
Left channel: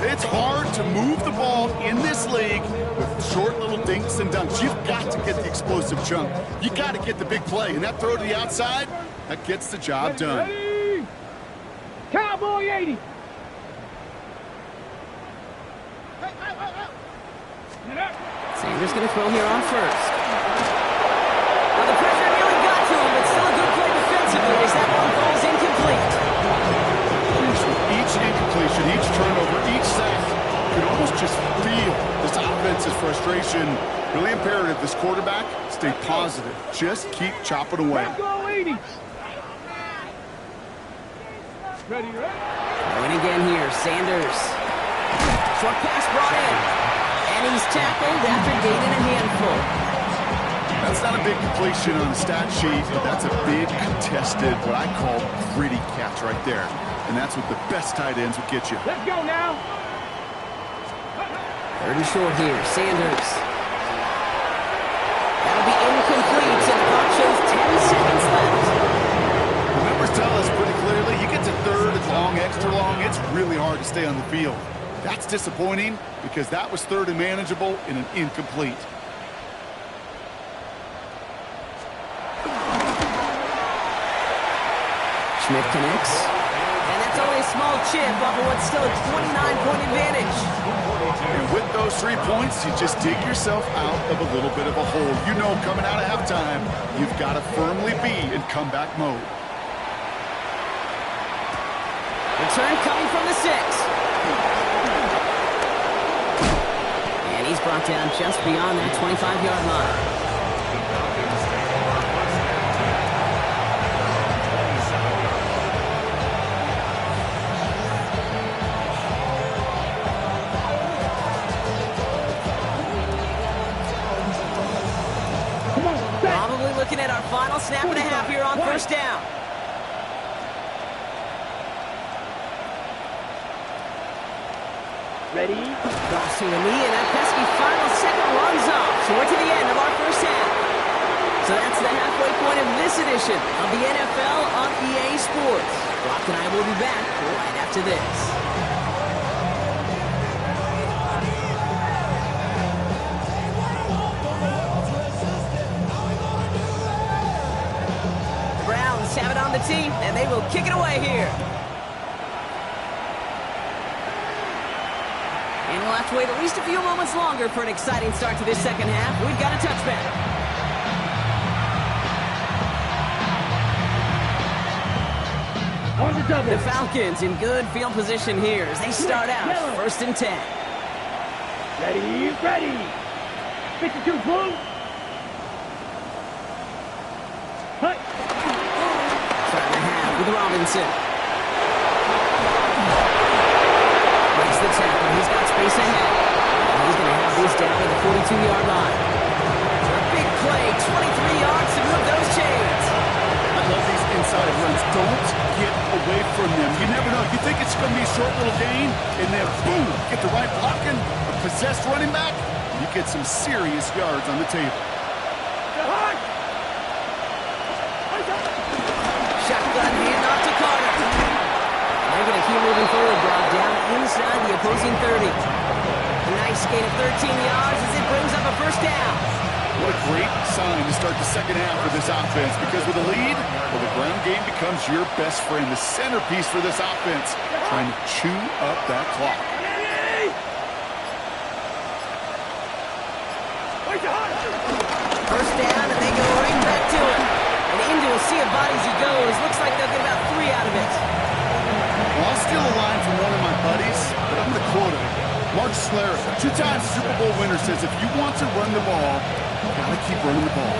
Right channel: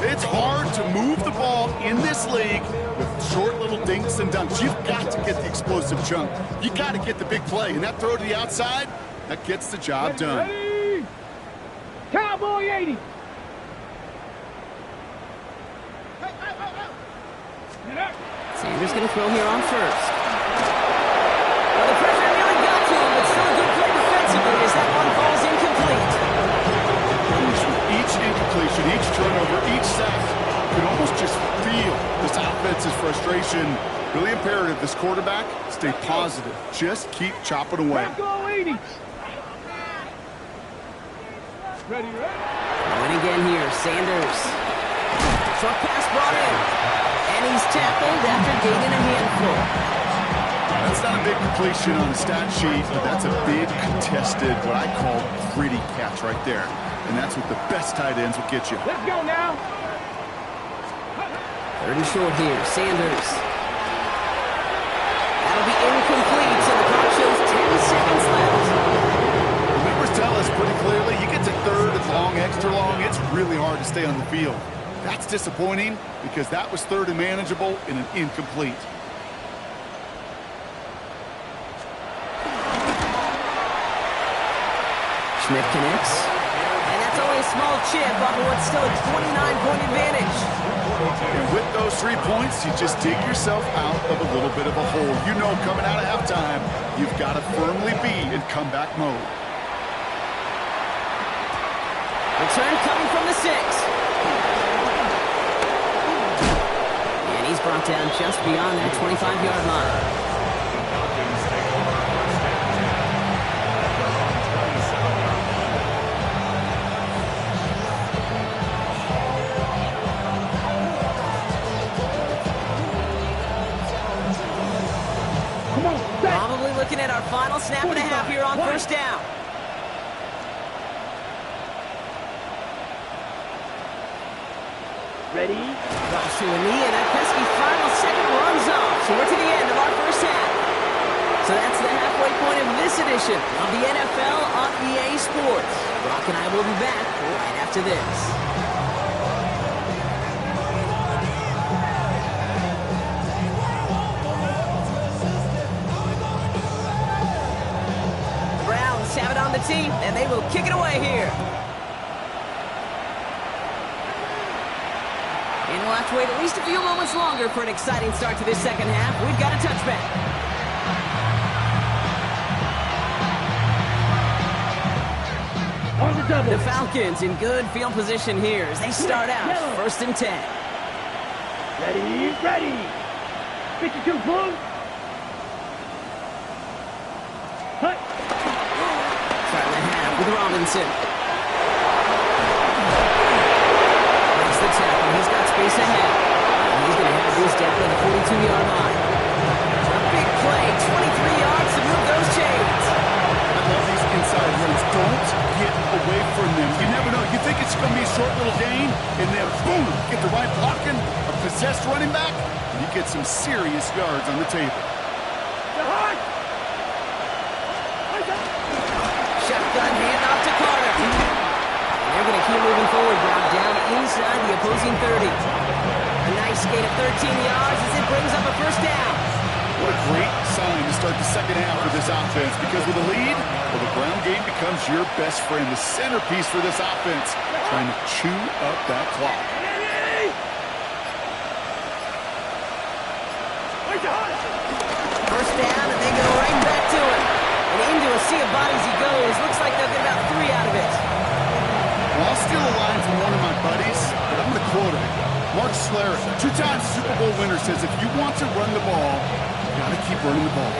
It's hard to move the ball in this league with short little dinks and dunks. You've got to get the explosive chunk. You got to get the big play. And that throw to the outside, that gets the job done. Ready. Cowboy 80. Sanders going to throw here on first. Well, the pressure nearly got to him, but still a good play defensively as that one falls incomplete. Each incompletion, each turnover, each sack, you can almost just feel this offense's frustration. Really imperative, this quarterback, stay positive. Just keep chopping away. Go 80. Ready. Throwing again here, Sanders. Short pass brought in. And he's tackled after gaining a handful. That's not a big completion on the stat sheet, but that's a big contested, what I call gritty catch right there. And that's what the best tight ends will get you. Let's go now. Third and short here, Sanders. That'll be incomplete, and the clock shows 10 seconds left. The numbers tell us pretty clearly, you get to third and long, extra long, it's really hard to stay on the field. That's disappointing because that was third and manageable in an incomplete. Schmidt connects. And that's only a small chip off of what's still a 29-point advantage. And with those 3 points, you just dig yourself out of a little bit of a hole. You know coming out of halftime, you've got to firmly be in comeback mode. Return coming from the 6. And he's brought down just beyond that 25-yard line. The Falcons take over first and 10 at their own 27-yard line. Come on, set. Probably looking at our final snap and a half here on first down. Ready. Drops to a knee, and that pesky final second runs off. So we're to the end of our first half. So that's the halfway point of this edition of the NFL on EA Sports. Brock and I will be back right after this. the team, and they will kick it away here. And we'll have to wait at least a few moments longer for an exciting start to this second half. We've got a touchback. On the double. The Falcons in good field position here as they start out first and 10. Ready, ready. 52 blue. Hut. Starting the half with Robinson. Breaks the tackle. He's got space ahead. And he's going to have this down at the 42-yard line. A big play, 23 yards to move those chains. I love these inside runs. Don't get away from them. You never know. You think it's going to be a short little gain, and then boom, get the right blocking, a possessed running back, and you get some serious yards on the table. Shotgun handoff to Carter. And they're going to keep moving forward, Brock, down inside the opposing 30. A nice gain of 13 yards as it brings up a first down. What a great sign to start the second half for this offense, because with a lead, well, the ground game becomes your best friend, the centerpiece for this offense, trying to chew up that clock. First down, and they go right back to it. And into a sea of bodies he goes. Looks like they'll get about 3 out of it. Well, I'll steal a line from one of my buddies, but I'm going to quote him. Mark Schlereth, 2-time Super Bowl winner, says if you want to run the ball, you got to keep running the ball.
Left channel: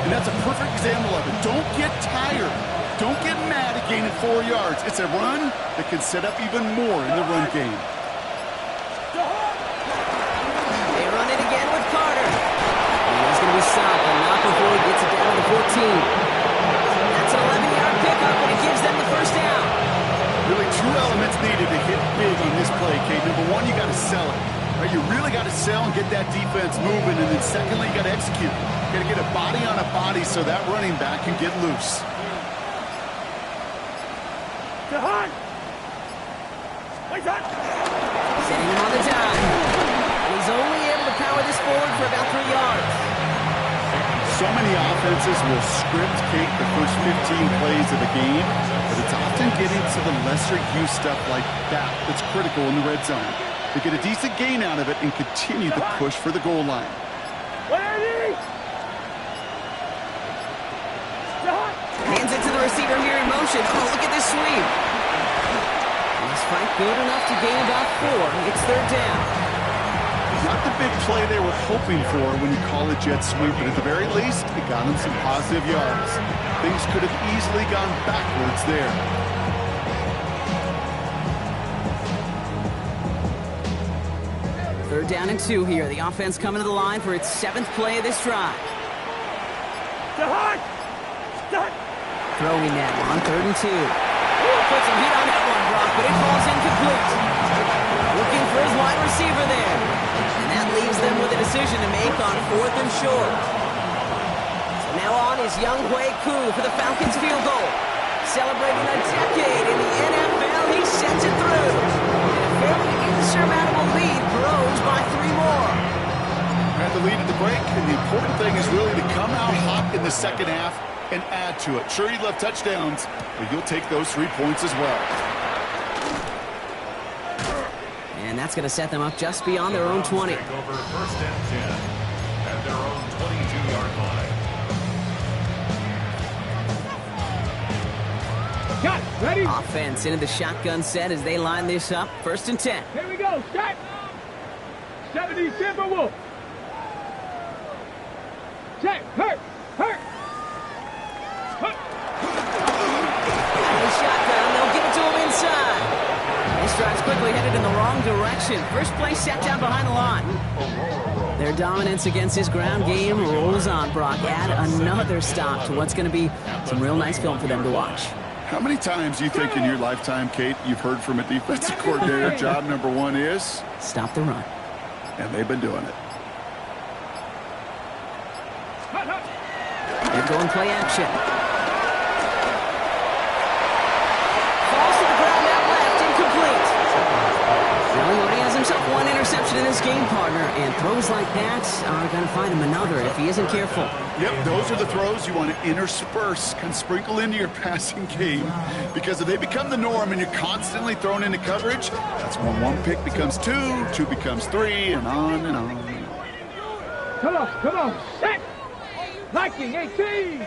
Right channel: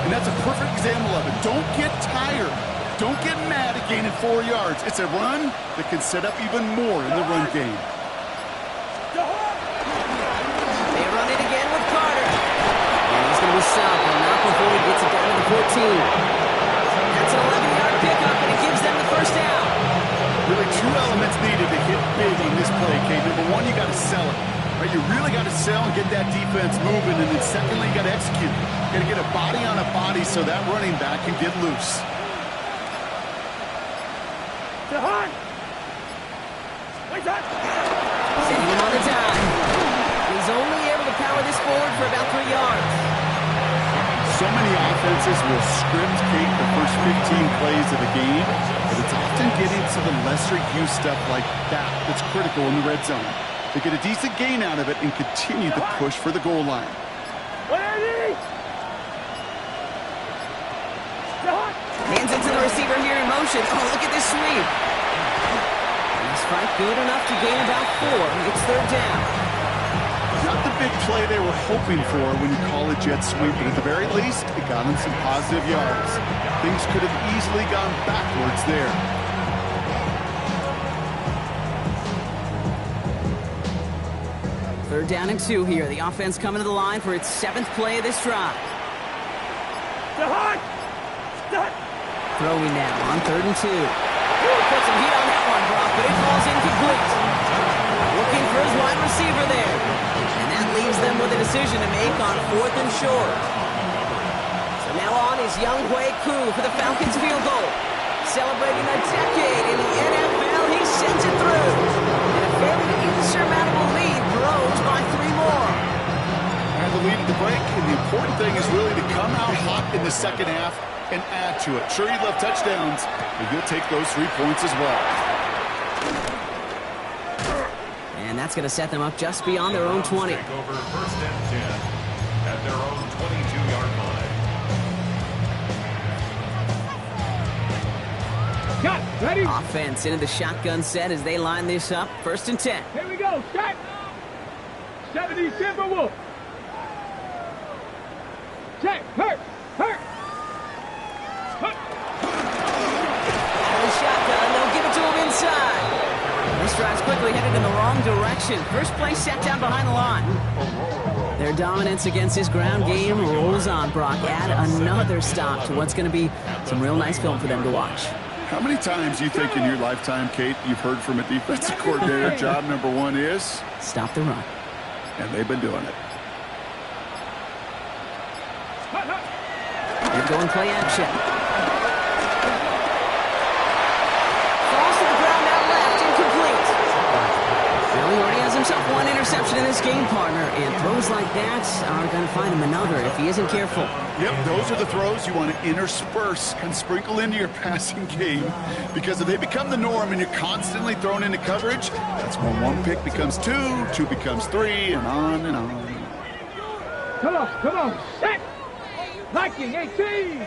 And that's a perfect example of it. Don't get tired. Don't get mad at gaining 4 yards. It's a run that can set up even more in the run game. They run it again with Carter. And he's going to be stopped, but not before he gets it down to the 14. That's an 11-yard pickup, and it gives them the first down. Really 2 elements needed to hit big on this play, Kate. Number one, you got to sell it. Right? You really got to sell and get that defense moving. And then secondly, you got to execute. You got to get a body on a body so that running back can get loose. Setting him on the dime. And he's only able to power this forward for about 3 yards. So many offenses will script, Kate, the first 15 plays of a game, but it's often getting to the lesser-used stuff like that that's critical in the red zone. They get a decent gain out of it and continue the push for the goal line. Hands it to the receiver here in motion. Oh, look at this sweep. And this fight good enough to gain about 4. It's third down. Not the big play they were hoping for when you call a jet sweep, but at the very least, it got them some positive yards. Things could have easily gone backwards there. Third down and 2 here. The offense coming to the line for its 7th play of this drive. Throwing now on 3rd and 2. Put some heat on that one, Brock, but it falls incomplete. Looking for his wide receiver there. And that leaves them with a decision to make on 4th and short. So now on is Young Hui Koo for the Falcons field goal. Celebrating a decade in the NFL, he sends it through. And a fairly insurmountable lead grows by 3 more. Had the lead at the break, and the important thing is really to come out hot in the second half and add to it. Sure, you love touchdowns, but you'll take those 3 points as well. And that's going to set them up just beyond their own 20. Take over first and 10 at their own 22-yard line. Got it. Ready? Offense into the shotgun set as they line this up. First and 10. Here we go. Start. 70 Timberwolf. Check. Hurt. Out of the shotgun, they'll give it to him inside. This drive's quickly headed in the wrong direction. First play set down behind the line. Their dominance against this ground game rolls on, Brock. Add another stop to what's going to be some real nice film for them to watch. How many times do you think in your lifetime, Kate, you've heard from a defensive coordinator, job number 1 is? Stop the run. And they've been doing it. They're going play action. Falls to the ground out left, incomplete. Well, he already has a himself one interception in this game, partner, and throws like that are going to find him another if he isn't careful. Yep, those are the throws you want to intersperse, kind of sprinkle into your passing game, because if they become the norm and you're constantly thrown into coverage, that's when one pick becomes two, two becomes three, and on and on. Come on, set! Liking 18!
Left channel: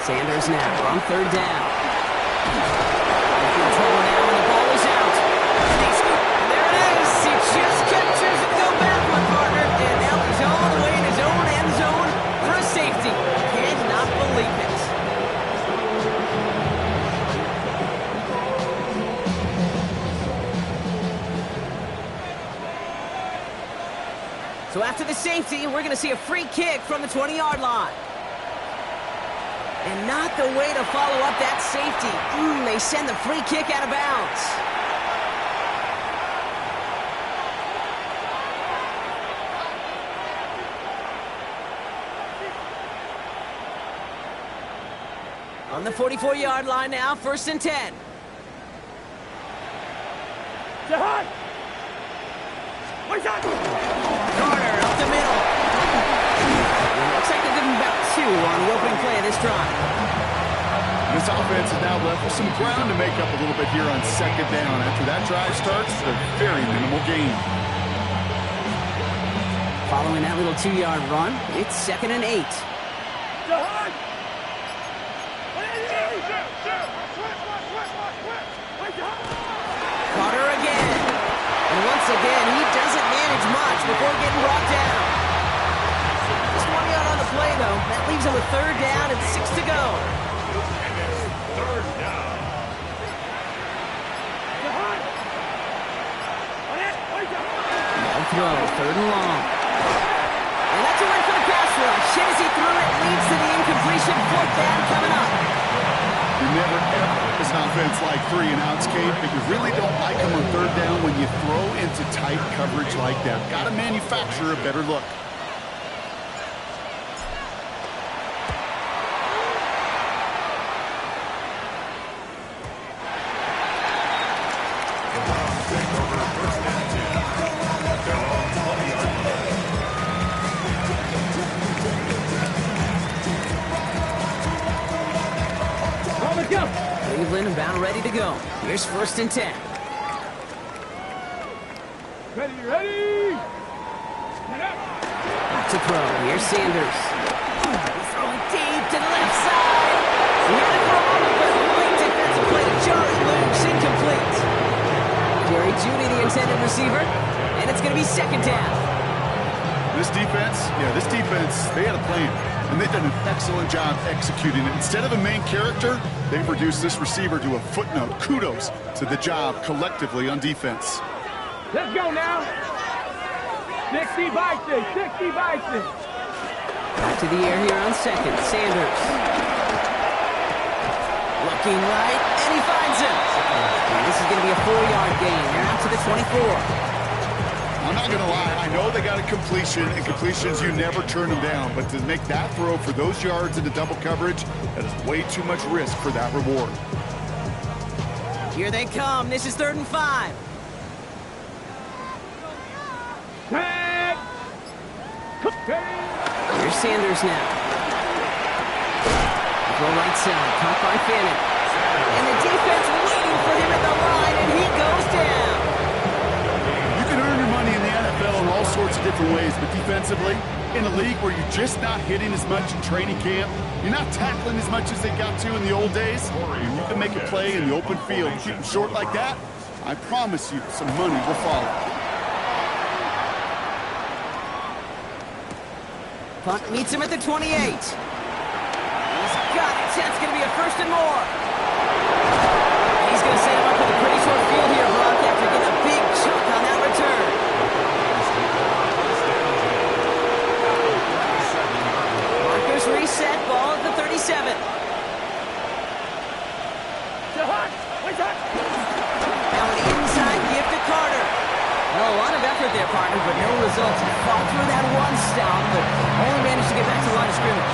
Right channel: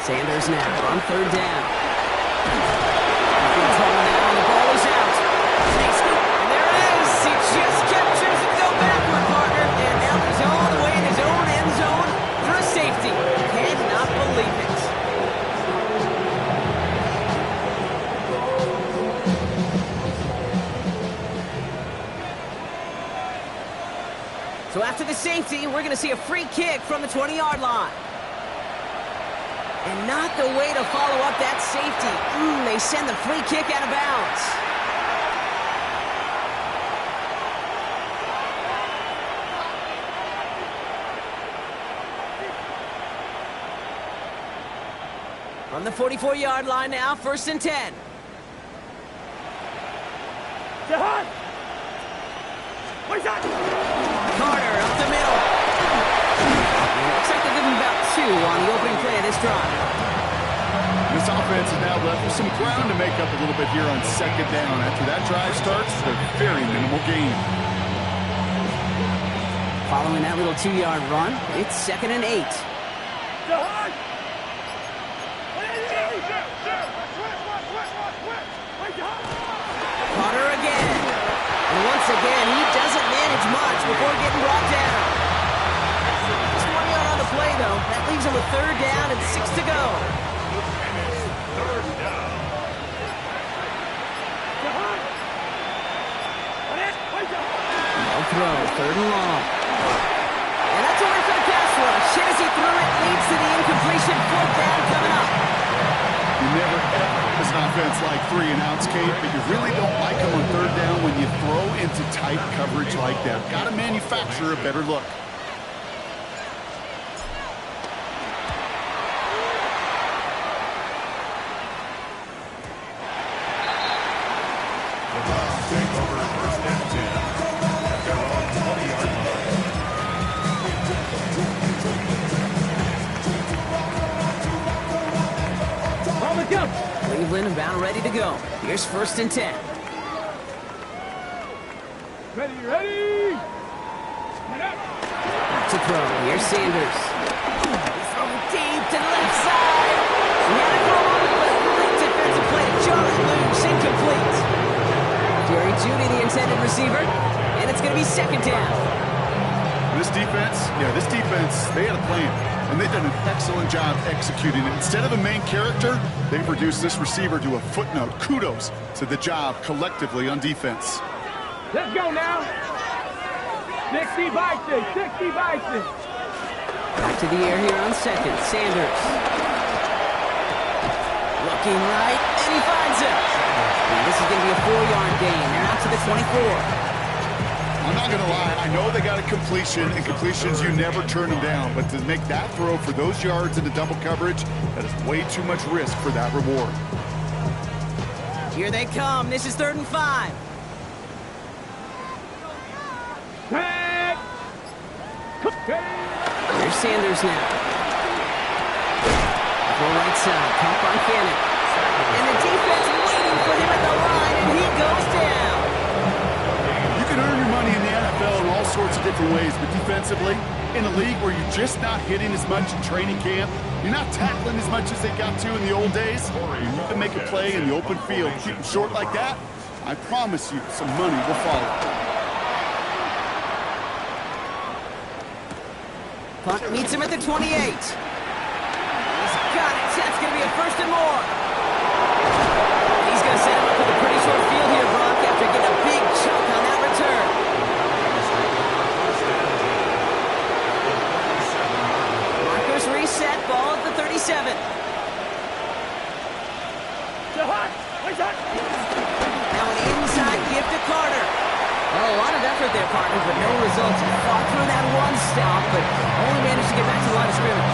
Sanders now on third down. In trouble now, and the ball is out. And they scoop, and there it is. He just kept choosing to go backward, partner, and now he's all the way in his own end zone for a safety. Cannot believe it. So after the safety, we're going to see a free kick from the 20-yard line. And not the way to follow up that safety. They send the free kick out of bounds. On the 44-yard line now, 1st and 10. Jahan! Where's that? Carter up the middle. It looks like they'll give him about 2 on the opening play of this drive. This offense is now left with some ground to make up a little bit here on 2nd down. After that drive starts, a very minimal gain. Following that little 2-yard run, it's 2nd and 8. Jahan! Carter again. And once again, he doesn't manage much before getting brought down. Just 1 yard on the play, though. That leaves him with 3rd down and 6 to go. And it's 3rd down. No throw, 3rd and long. And that's a win for the pass rush. Hit as he threw it, leads to the incompletion. 4th down coming up. You never, ever, as an offense like 3-and-outs, Kate, but you really don't like them on 3rd down when you throw into tight coverage like that. Got to manufacture a better look. The Browns take over 1st and 10 at their own 20-yard line. Let's go! Cleveland about ready to go. Here's 1st and 10. Ready! Back to throw. Here's Sanders. He's throwing deep to the left side. He had it for a moment, but a great defensive play to jar it loose. Incomplete. Jerry Jeudy, the intended receiver, and it's going to be 2nd down. This defense, they had a plan, and they've done an excellent job executing it. Instead of a main character, they produced this receiver to a footnote. Kudos to the job collectively on defense. Let's go now! 60 by 6, 60 by 6. Back to the air here on 2nd. Sanders. Looking right, and he finds him. And this is going to be a 4-yard gain. They're out to the 24. I'm not going to lie, I know they got a completion, and completions, you never turn them down. But to make that throw for those yards into double coverage, that is way too much risk for that reward. Here they come. This is 3rd and 5. Tag! Here's Sanders now. Throw right side, caught by Fannin. And the defense waiting for him at the line, and he goes down. You can earn your money in the NFL in all sorts of different ways, but defensively, in a league where you're just not hitting as much in training camp, you're not tackling as much as they got to in the old days, and you can make a play in the open field, keep them short like that, I promise you some money will follow. Punt meets him at the 28. He's got it. That's going to be a 1st and more. And he's going to set him up with a pretty short field here, Brock, after getting a big chunk on that return. Markers reset, ball at the 37. Now an inside give to Carter. Well, a lot of effort there, partner, but no results. He fought through that one stop, but only managed to get back to the line of scrimmage.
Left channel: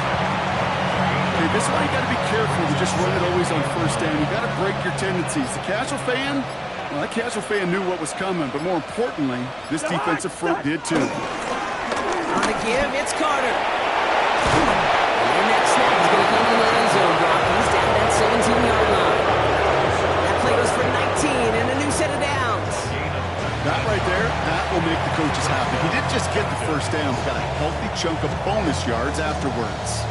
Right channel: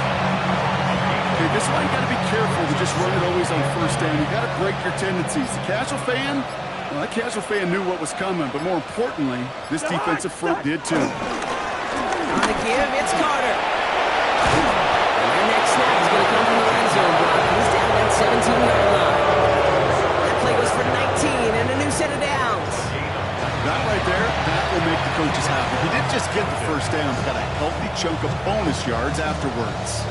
Okay, this is why you got to be careful to just run it always on first down. You got to break your tendencies. The casual fan, well, that casual fan knew what was coming, but more importantly, this defensive front did too. On the give, it's Carter. And their next snap is going to come from the end zone, Brock. He's down at that 17-yard line. That play goes for 19 and a new set of downs. That right there, that will make the coaches happy. He didn't just get the first down, but got a healthy chunk of bonus yards afterwards.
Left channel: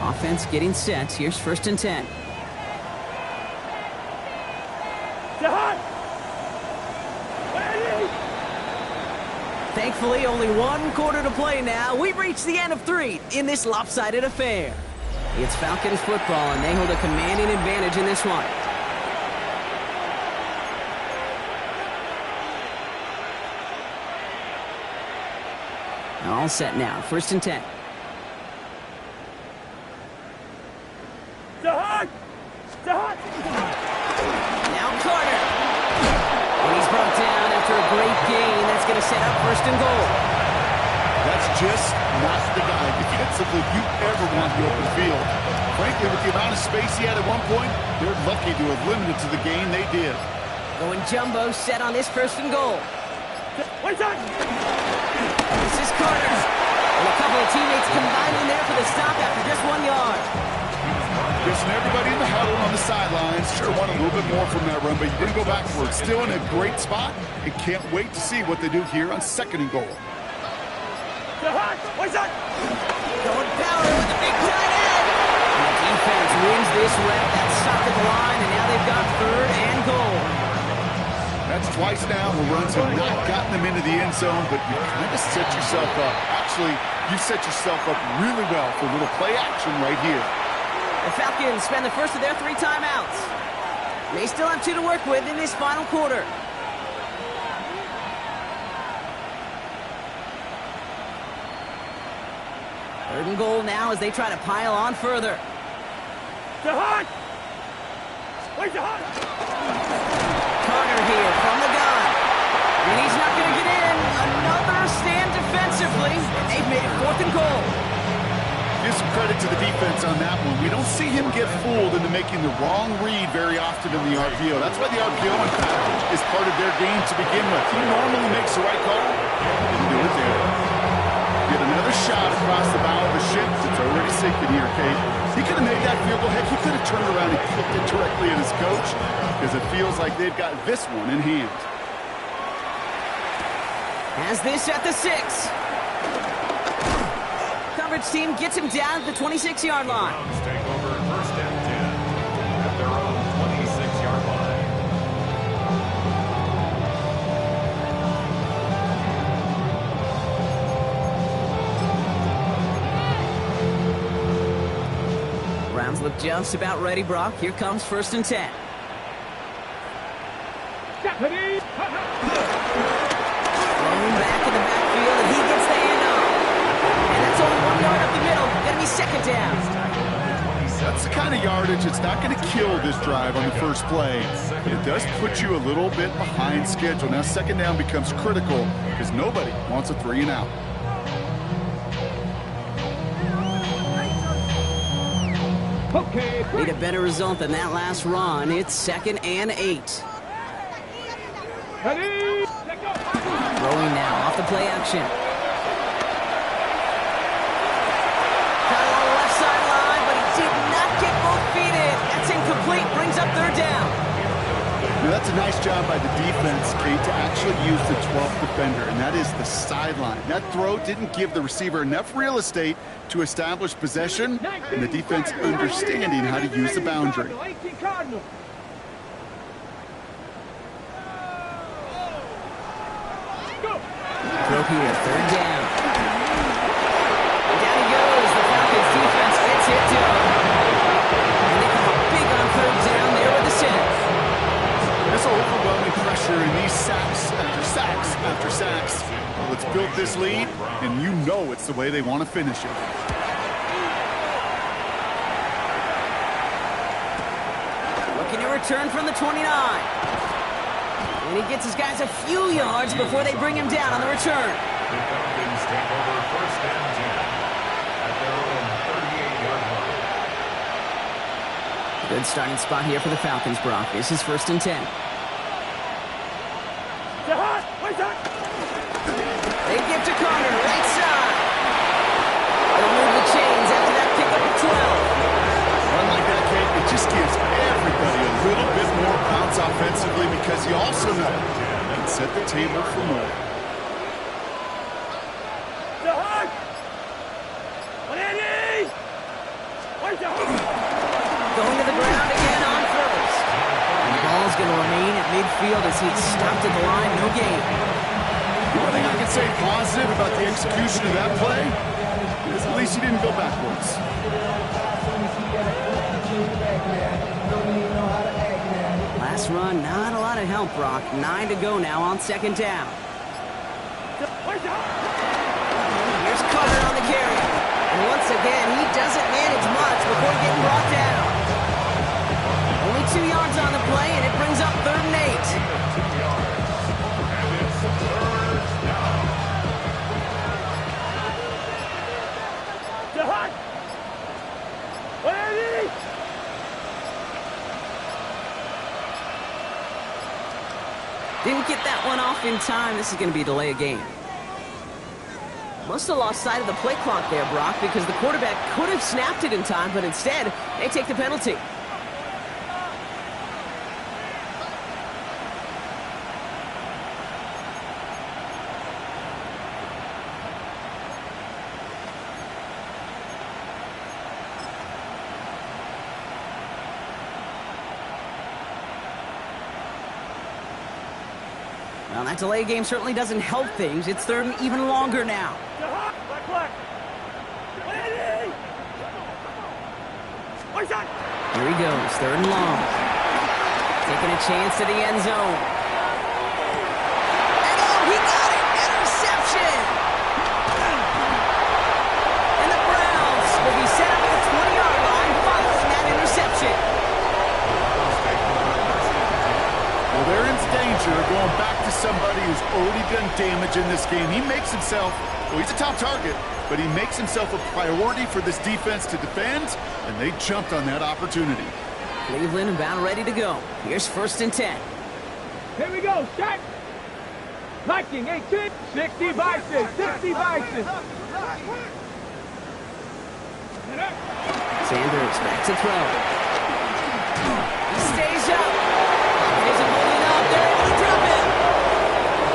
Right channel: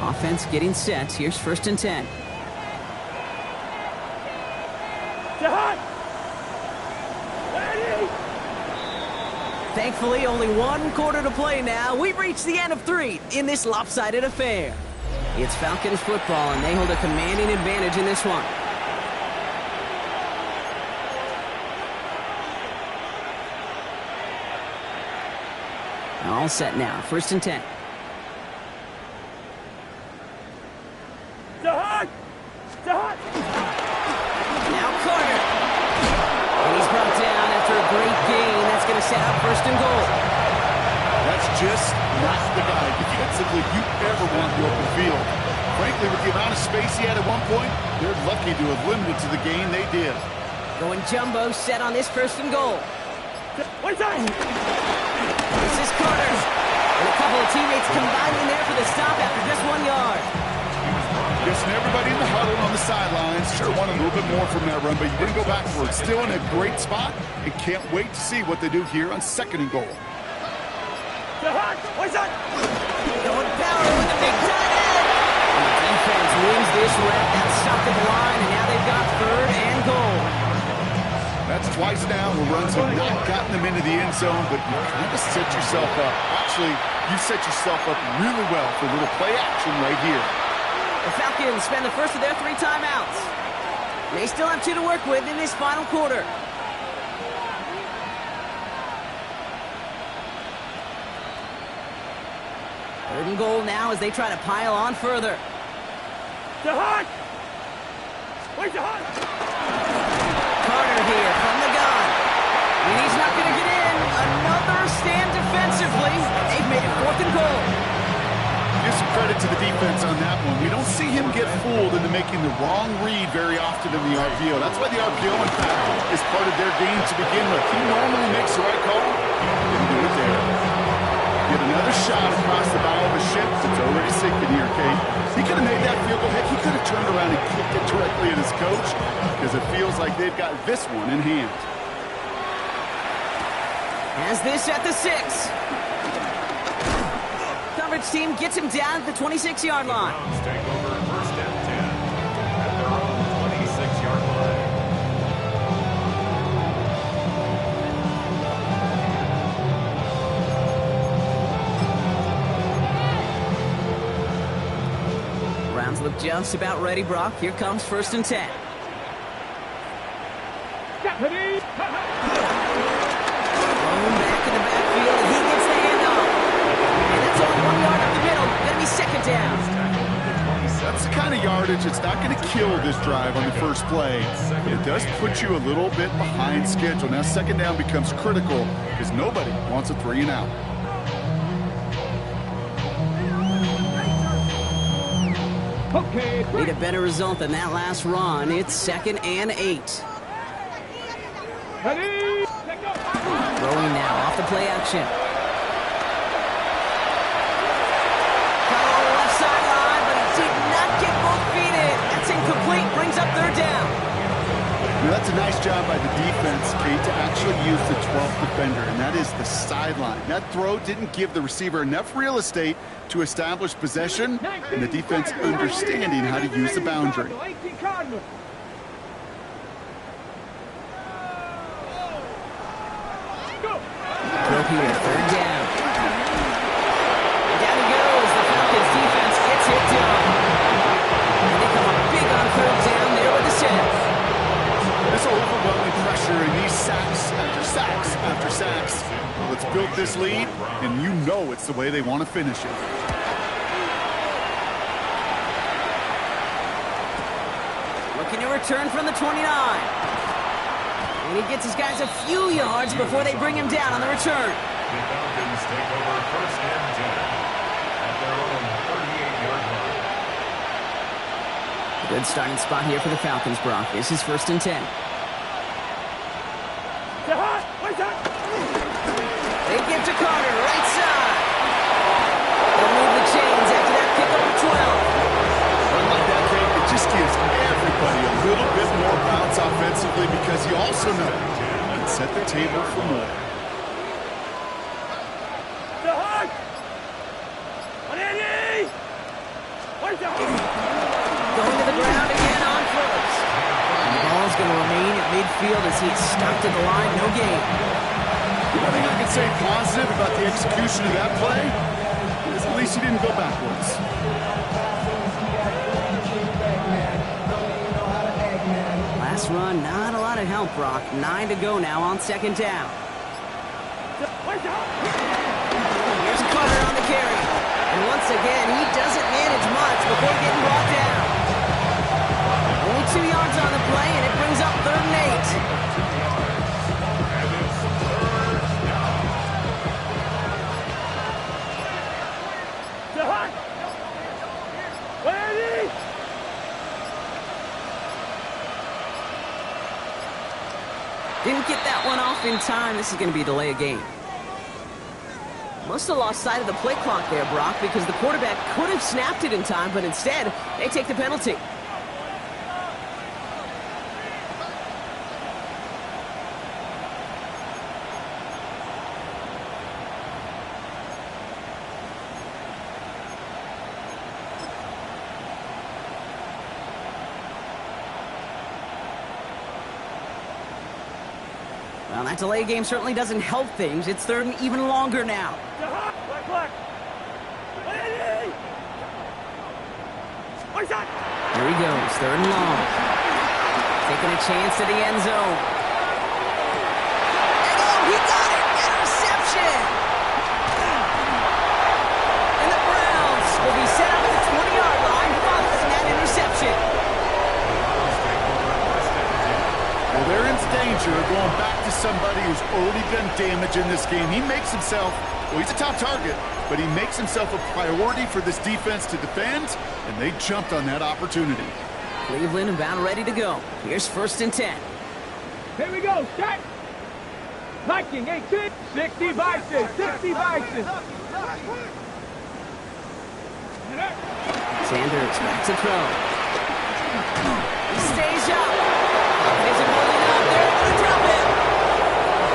Offense getting set. Here's 1st and 10. Thankfully, only 1 quarter to play now. We've reached the end of 3 in this lopsided affair. It's Falcons football, and they hold a commanding advantage in this one. All set now. 1st and 10. Now Carter. And he's brought down after a great gain. That's going to set up 1st and goal. That's just not the guy defensively you ever want the open field. Frankly, with the amount of space he had at one point, they're lucky to have limited to the gain they did. Going jumbo set on this 1st and goal. This is Carter. And a couple of teammates combining there for the stop after just 1 yard. Guessing everybody in the huddle on the sidelines sure wanted a little bit more from that run, but you didn't go backwards. Still in a great spot and can't wait to see what they do here on 2nd and goal. Going power with the big tight end. And the defense wins this rep. That's stopped at the line, and now they've got 3rd and goal. That's twice now where runs have not gotten them into the end zone, but you kind of set yourself up. Actually, you set yourself up really well for a little play action right here. The Falcons spend the first of their 3 timeouts. They still have 2 to work with in this final quarter. Third and goal now as they try to pile on further. Carter here from the gun. And he's not going to get in. Another stand defensively. And they've made it 4th and goal. Give some credit to the defense on that one. We don't see him get fooled into making the wrong read very often in the RPO. That's why the RPO, in fact, is part of their game to begin with. He normally makes the right call. Didn't do it there. Get another shot across the bow of a ship that's already sinking here, Kate. He could have made that field goal. Heck, he could have turned around and kicked it directly at his coach because it feels like they've got this one in hand. Has this at the 6. Coverage team gets him down at the 26-yard line. Browns take over 1st and 10 at their own 26-yard line. Browns look just about ready, Brock. Here comes 1st and 10. Thrown back in the backfield, and he gets the handoff. And that's only 1 yard up the middle. Going to be 2nd down. That's the kind of yardage it's not going to kill this drive on the first play, but it does put you a little bit behind schedule. Now 2nd down becomes critical because nobody wants a 3 and out. Okay. Need a better result than that last run. It's 2nd and 8. Ready? Throwing now off the play action. Got along the left sideline, but he did not get both feet in. That's incomplete. Brings up 3rd down. Now that's a nice job by the defense, Kate, to actually use the 12th defender, and that is the sideline. That throw didn't give the receiver enough real estate to establish possession, and the defense understanding how to use the boundary. Throw here, 3rd down. And down he goes. The Falcons defense gets it done. And they come up big on 3rd down there with the set. This overwhelming pressure in these sacks after sacks after sacks. Well, it's built this lead, and you know it's the way they want to finish it. Looking to return from the 29. And he gets his guys a few yards before they bring him down on the return. The Falcons take over 1st and 10 at their own 38-yard line. Good starting spot here for the Falcons, Brock. This is 1st and 10. They give to Carter, right side. They'll move the chains after that pickup of 12. Run like that, Kate, it just gives everybody a little bit more bounce offensively because you also know you can set the table for more. Going to the ground again on 1st. And the ball's going to remain at midfield as he's stopped at the line. No gain. One thing I can say positive about the execution of that play is at least he didn't go backwards. Last run, not a lot of help, Brock. 9 to go now on 2nd down. Here's Carter on the carry. And once again, he doesn't manage much before getting brought down. Only 2 yards on the play, and it brings up 3rd and 8. 2 yards. And it's 3rd down. Didn't get that one off in time. This is going to be a delay of game. Must have lost sight of the play clock there, Brock, because the quarterback could have snapped it in time, but instead, they take the penalty. Well, that delay game certainly doesn't help things. It's 3rd and even longer now. Here he goes, 3rd and long. Taking a chance to the end zone. And oh, he got it! Interception! And the Browns will be set up at the 20-yard line following that interception. Well, they're in danger of going back to somebody who's already done damage in this game. He makes himself, well, he's a top target, but he makes himself a priority for this defense to defend, and they jumped on that opportunity. Cleveland about ready to go. Here's 1st and 10. Here we go, set. Liking 18, 60 Bison, 60 Bison. Sanders back to throw. He stays up. Pocket isn't holding up. They're able to drop it.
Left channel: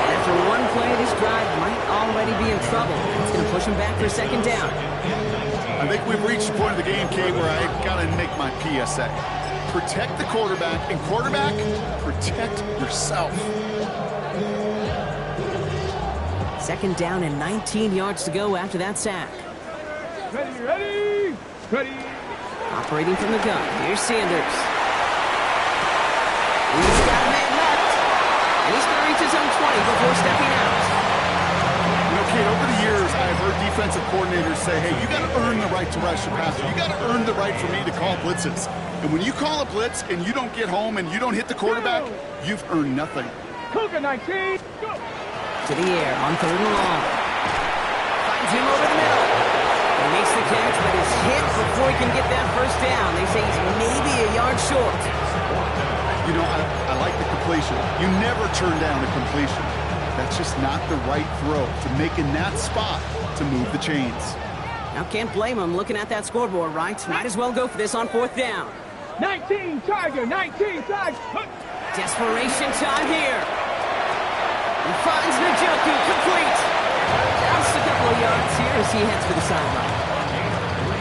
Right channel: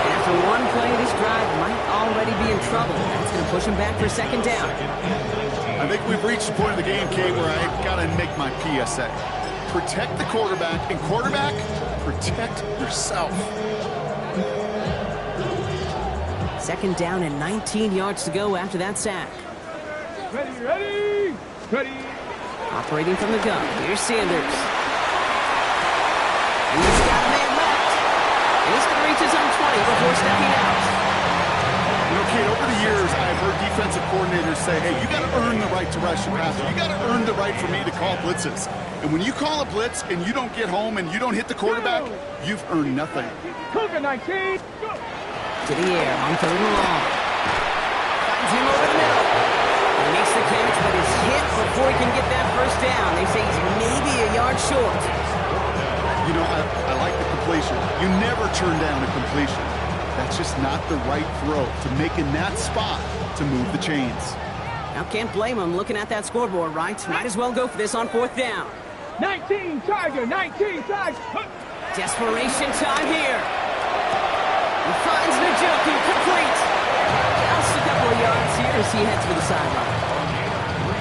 And after one play, this drive might already be in trouble. That's going to push him back for 2nd down. I think we've reached the point of the game, Kate, where I got to make my PSA. Protect the quarterback, and quarterback, protect yourself. 2nd down and 19 yards to go after that sack. Ready. Operating from the gun. Here's Sanders. He's got a man left. And he's going to reach his own 20 before stepping out. You know, Kate, over the years, I've heard defensive coordinators say, hey, you got to earn the right to rush your passer. You got to earn the right for me to call blitzes. And when you call a blitz and you don't get home and you don't hit the quarterback, you've earned nothing. Cougar 19, go. To the air on 3rd and long. Finds him over the middle. He makes the catch, but is hit before he can get that 1st down. They say he's maybe a yard short. You know, I like the completion. You never turn down a completion. That's just not the right throw to make in that spot to move the chains. Now, can't blame him looking at that scoreboard, right? Might as well go for this on 4th down. 19 Tiger, 19 Tiger. Desperation time here. He finds Njoku complete. Just a couple of yards here as he heads for the sideline.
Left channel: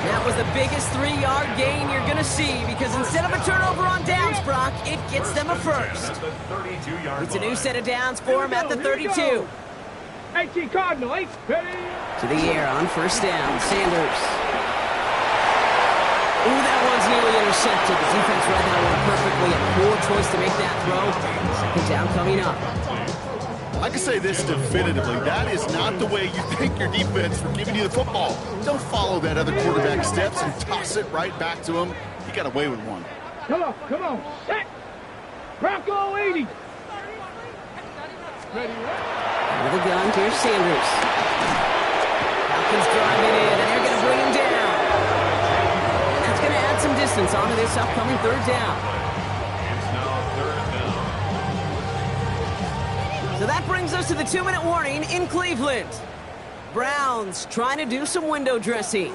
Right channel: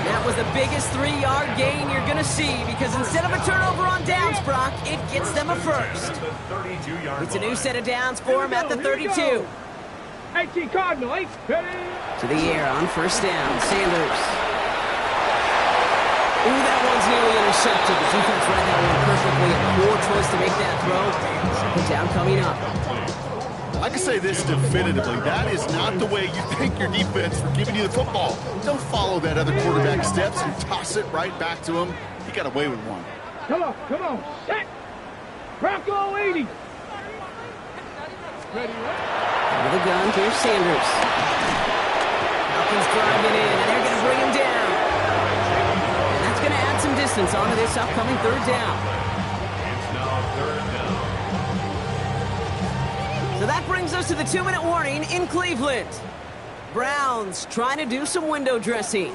That was the biggest 3-yard gain you're going to see because instead of a turnover on downs, Brock, it gets them a 1st. It's a new set of downs for him at the 32. 18 Cardinal, 8, ready. To the air on 1st down, Sanders. Ooh, that one's nearly intercepted. The defense read that one perfectly. A poor choice to make that throw. 2nd down coming up. I can say this definitively. That is not the way you thank your defense for giving you the football. Don't follow that other quarterback steps and toss it right back to him. He got away with one. Come on, set. Bronco 80. Ready. Out of the gun, here's Sanders. Falcons driving in, and they're going to bring him down. And that's going to add some distance onto this upcoming third down. It's now third down. So that brings us to the 2-minute warning in Cleveland. Browns trying to do some window dressing.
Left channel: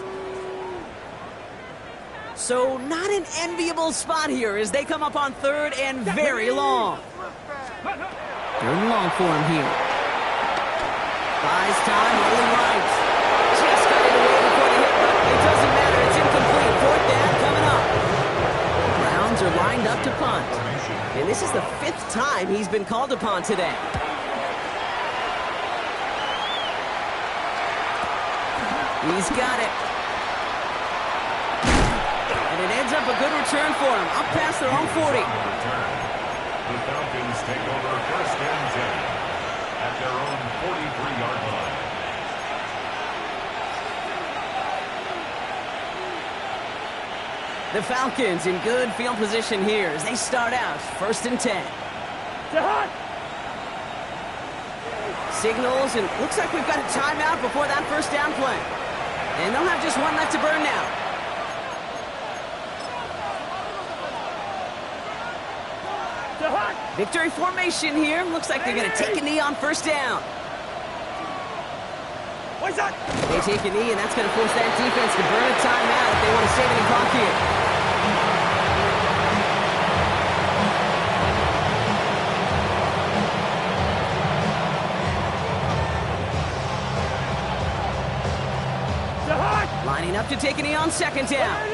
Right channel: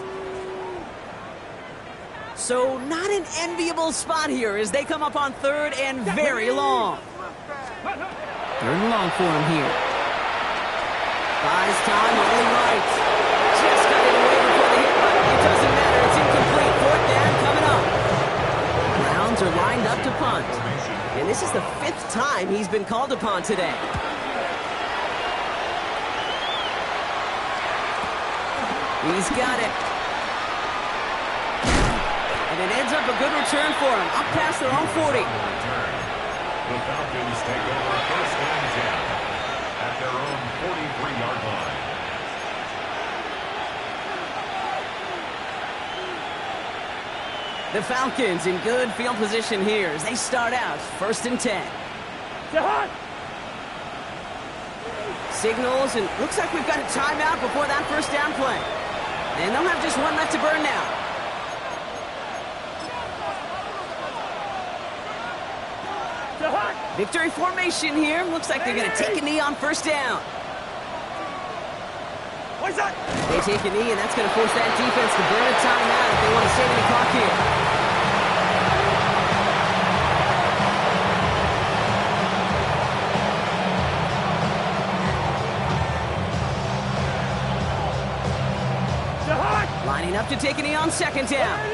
So not an enviable spot here as they come up on third and very long. Third and long for him here. Buys time, holding right. Just got it away before the hit, but it doesn't matter. It's incomplete. Fourth down coming up. Browns are lined up to punt. And this is the 5th time he's been called upon today. He's got it. And it ends up a good return for him, up past their own 40. The Falcons take over first and 10 at their own 43-yard line. The Falcons in good field position here as they start out first and 10. Signals, and looks like we've got a timeout before that first down play. And they'll have just one left to burn now. Victory formation here. Looks like they're going to take a knee on first down. They take a knee, and that's going to force that defense to burn a timeout if they want to save any clock here. Lining up to take a knee on second down.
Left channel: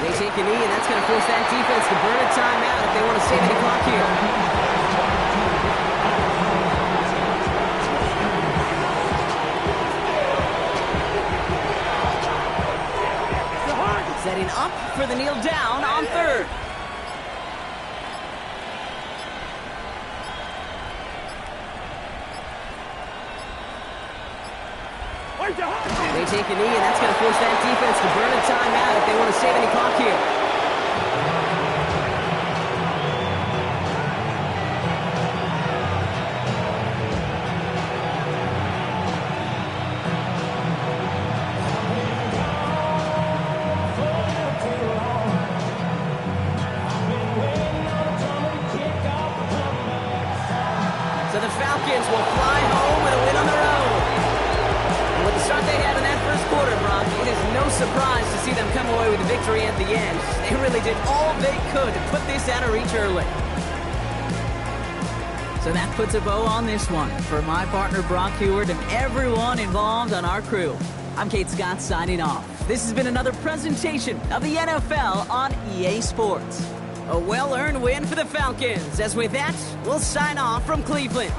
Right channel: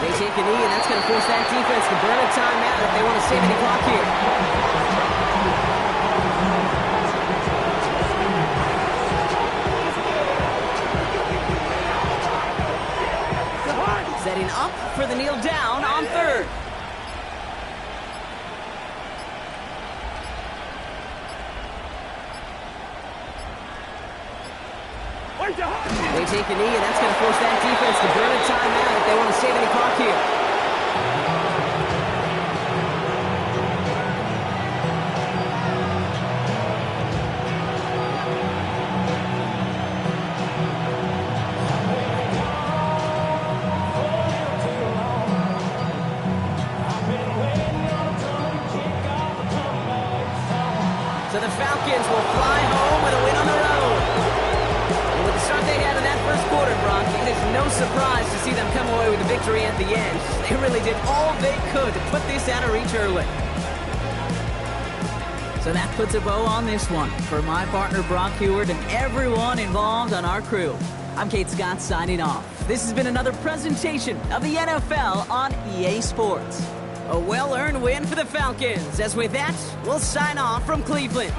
They take a knee, and that's going to force that defense to burn a timeout if they want to save any clock here. Setting up for the kneel down on third. They take a knee, and that's going to force that defense to burn a timeout if they want to save any clock here. So the Falcons will fly home with a win on their own. And with the start they had in that first quarter, Brock, it is no surprise to see them come away with a victory at the end. They really did all they could to put this out of reach early. So that puts a bow on this one. For my partner, Brock Heward, and everyone involved on our crew, I'm Kate Scott signing off. This has been another presentation of the NFL on EA Sports. A well-earned win for the Falcons. As with that, we'll sign off from Cleveland.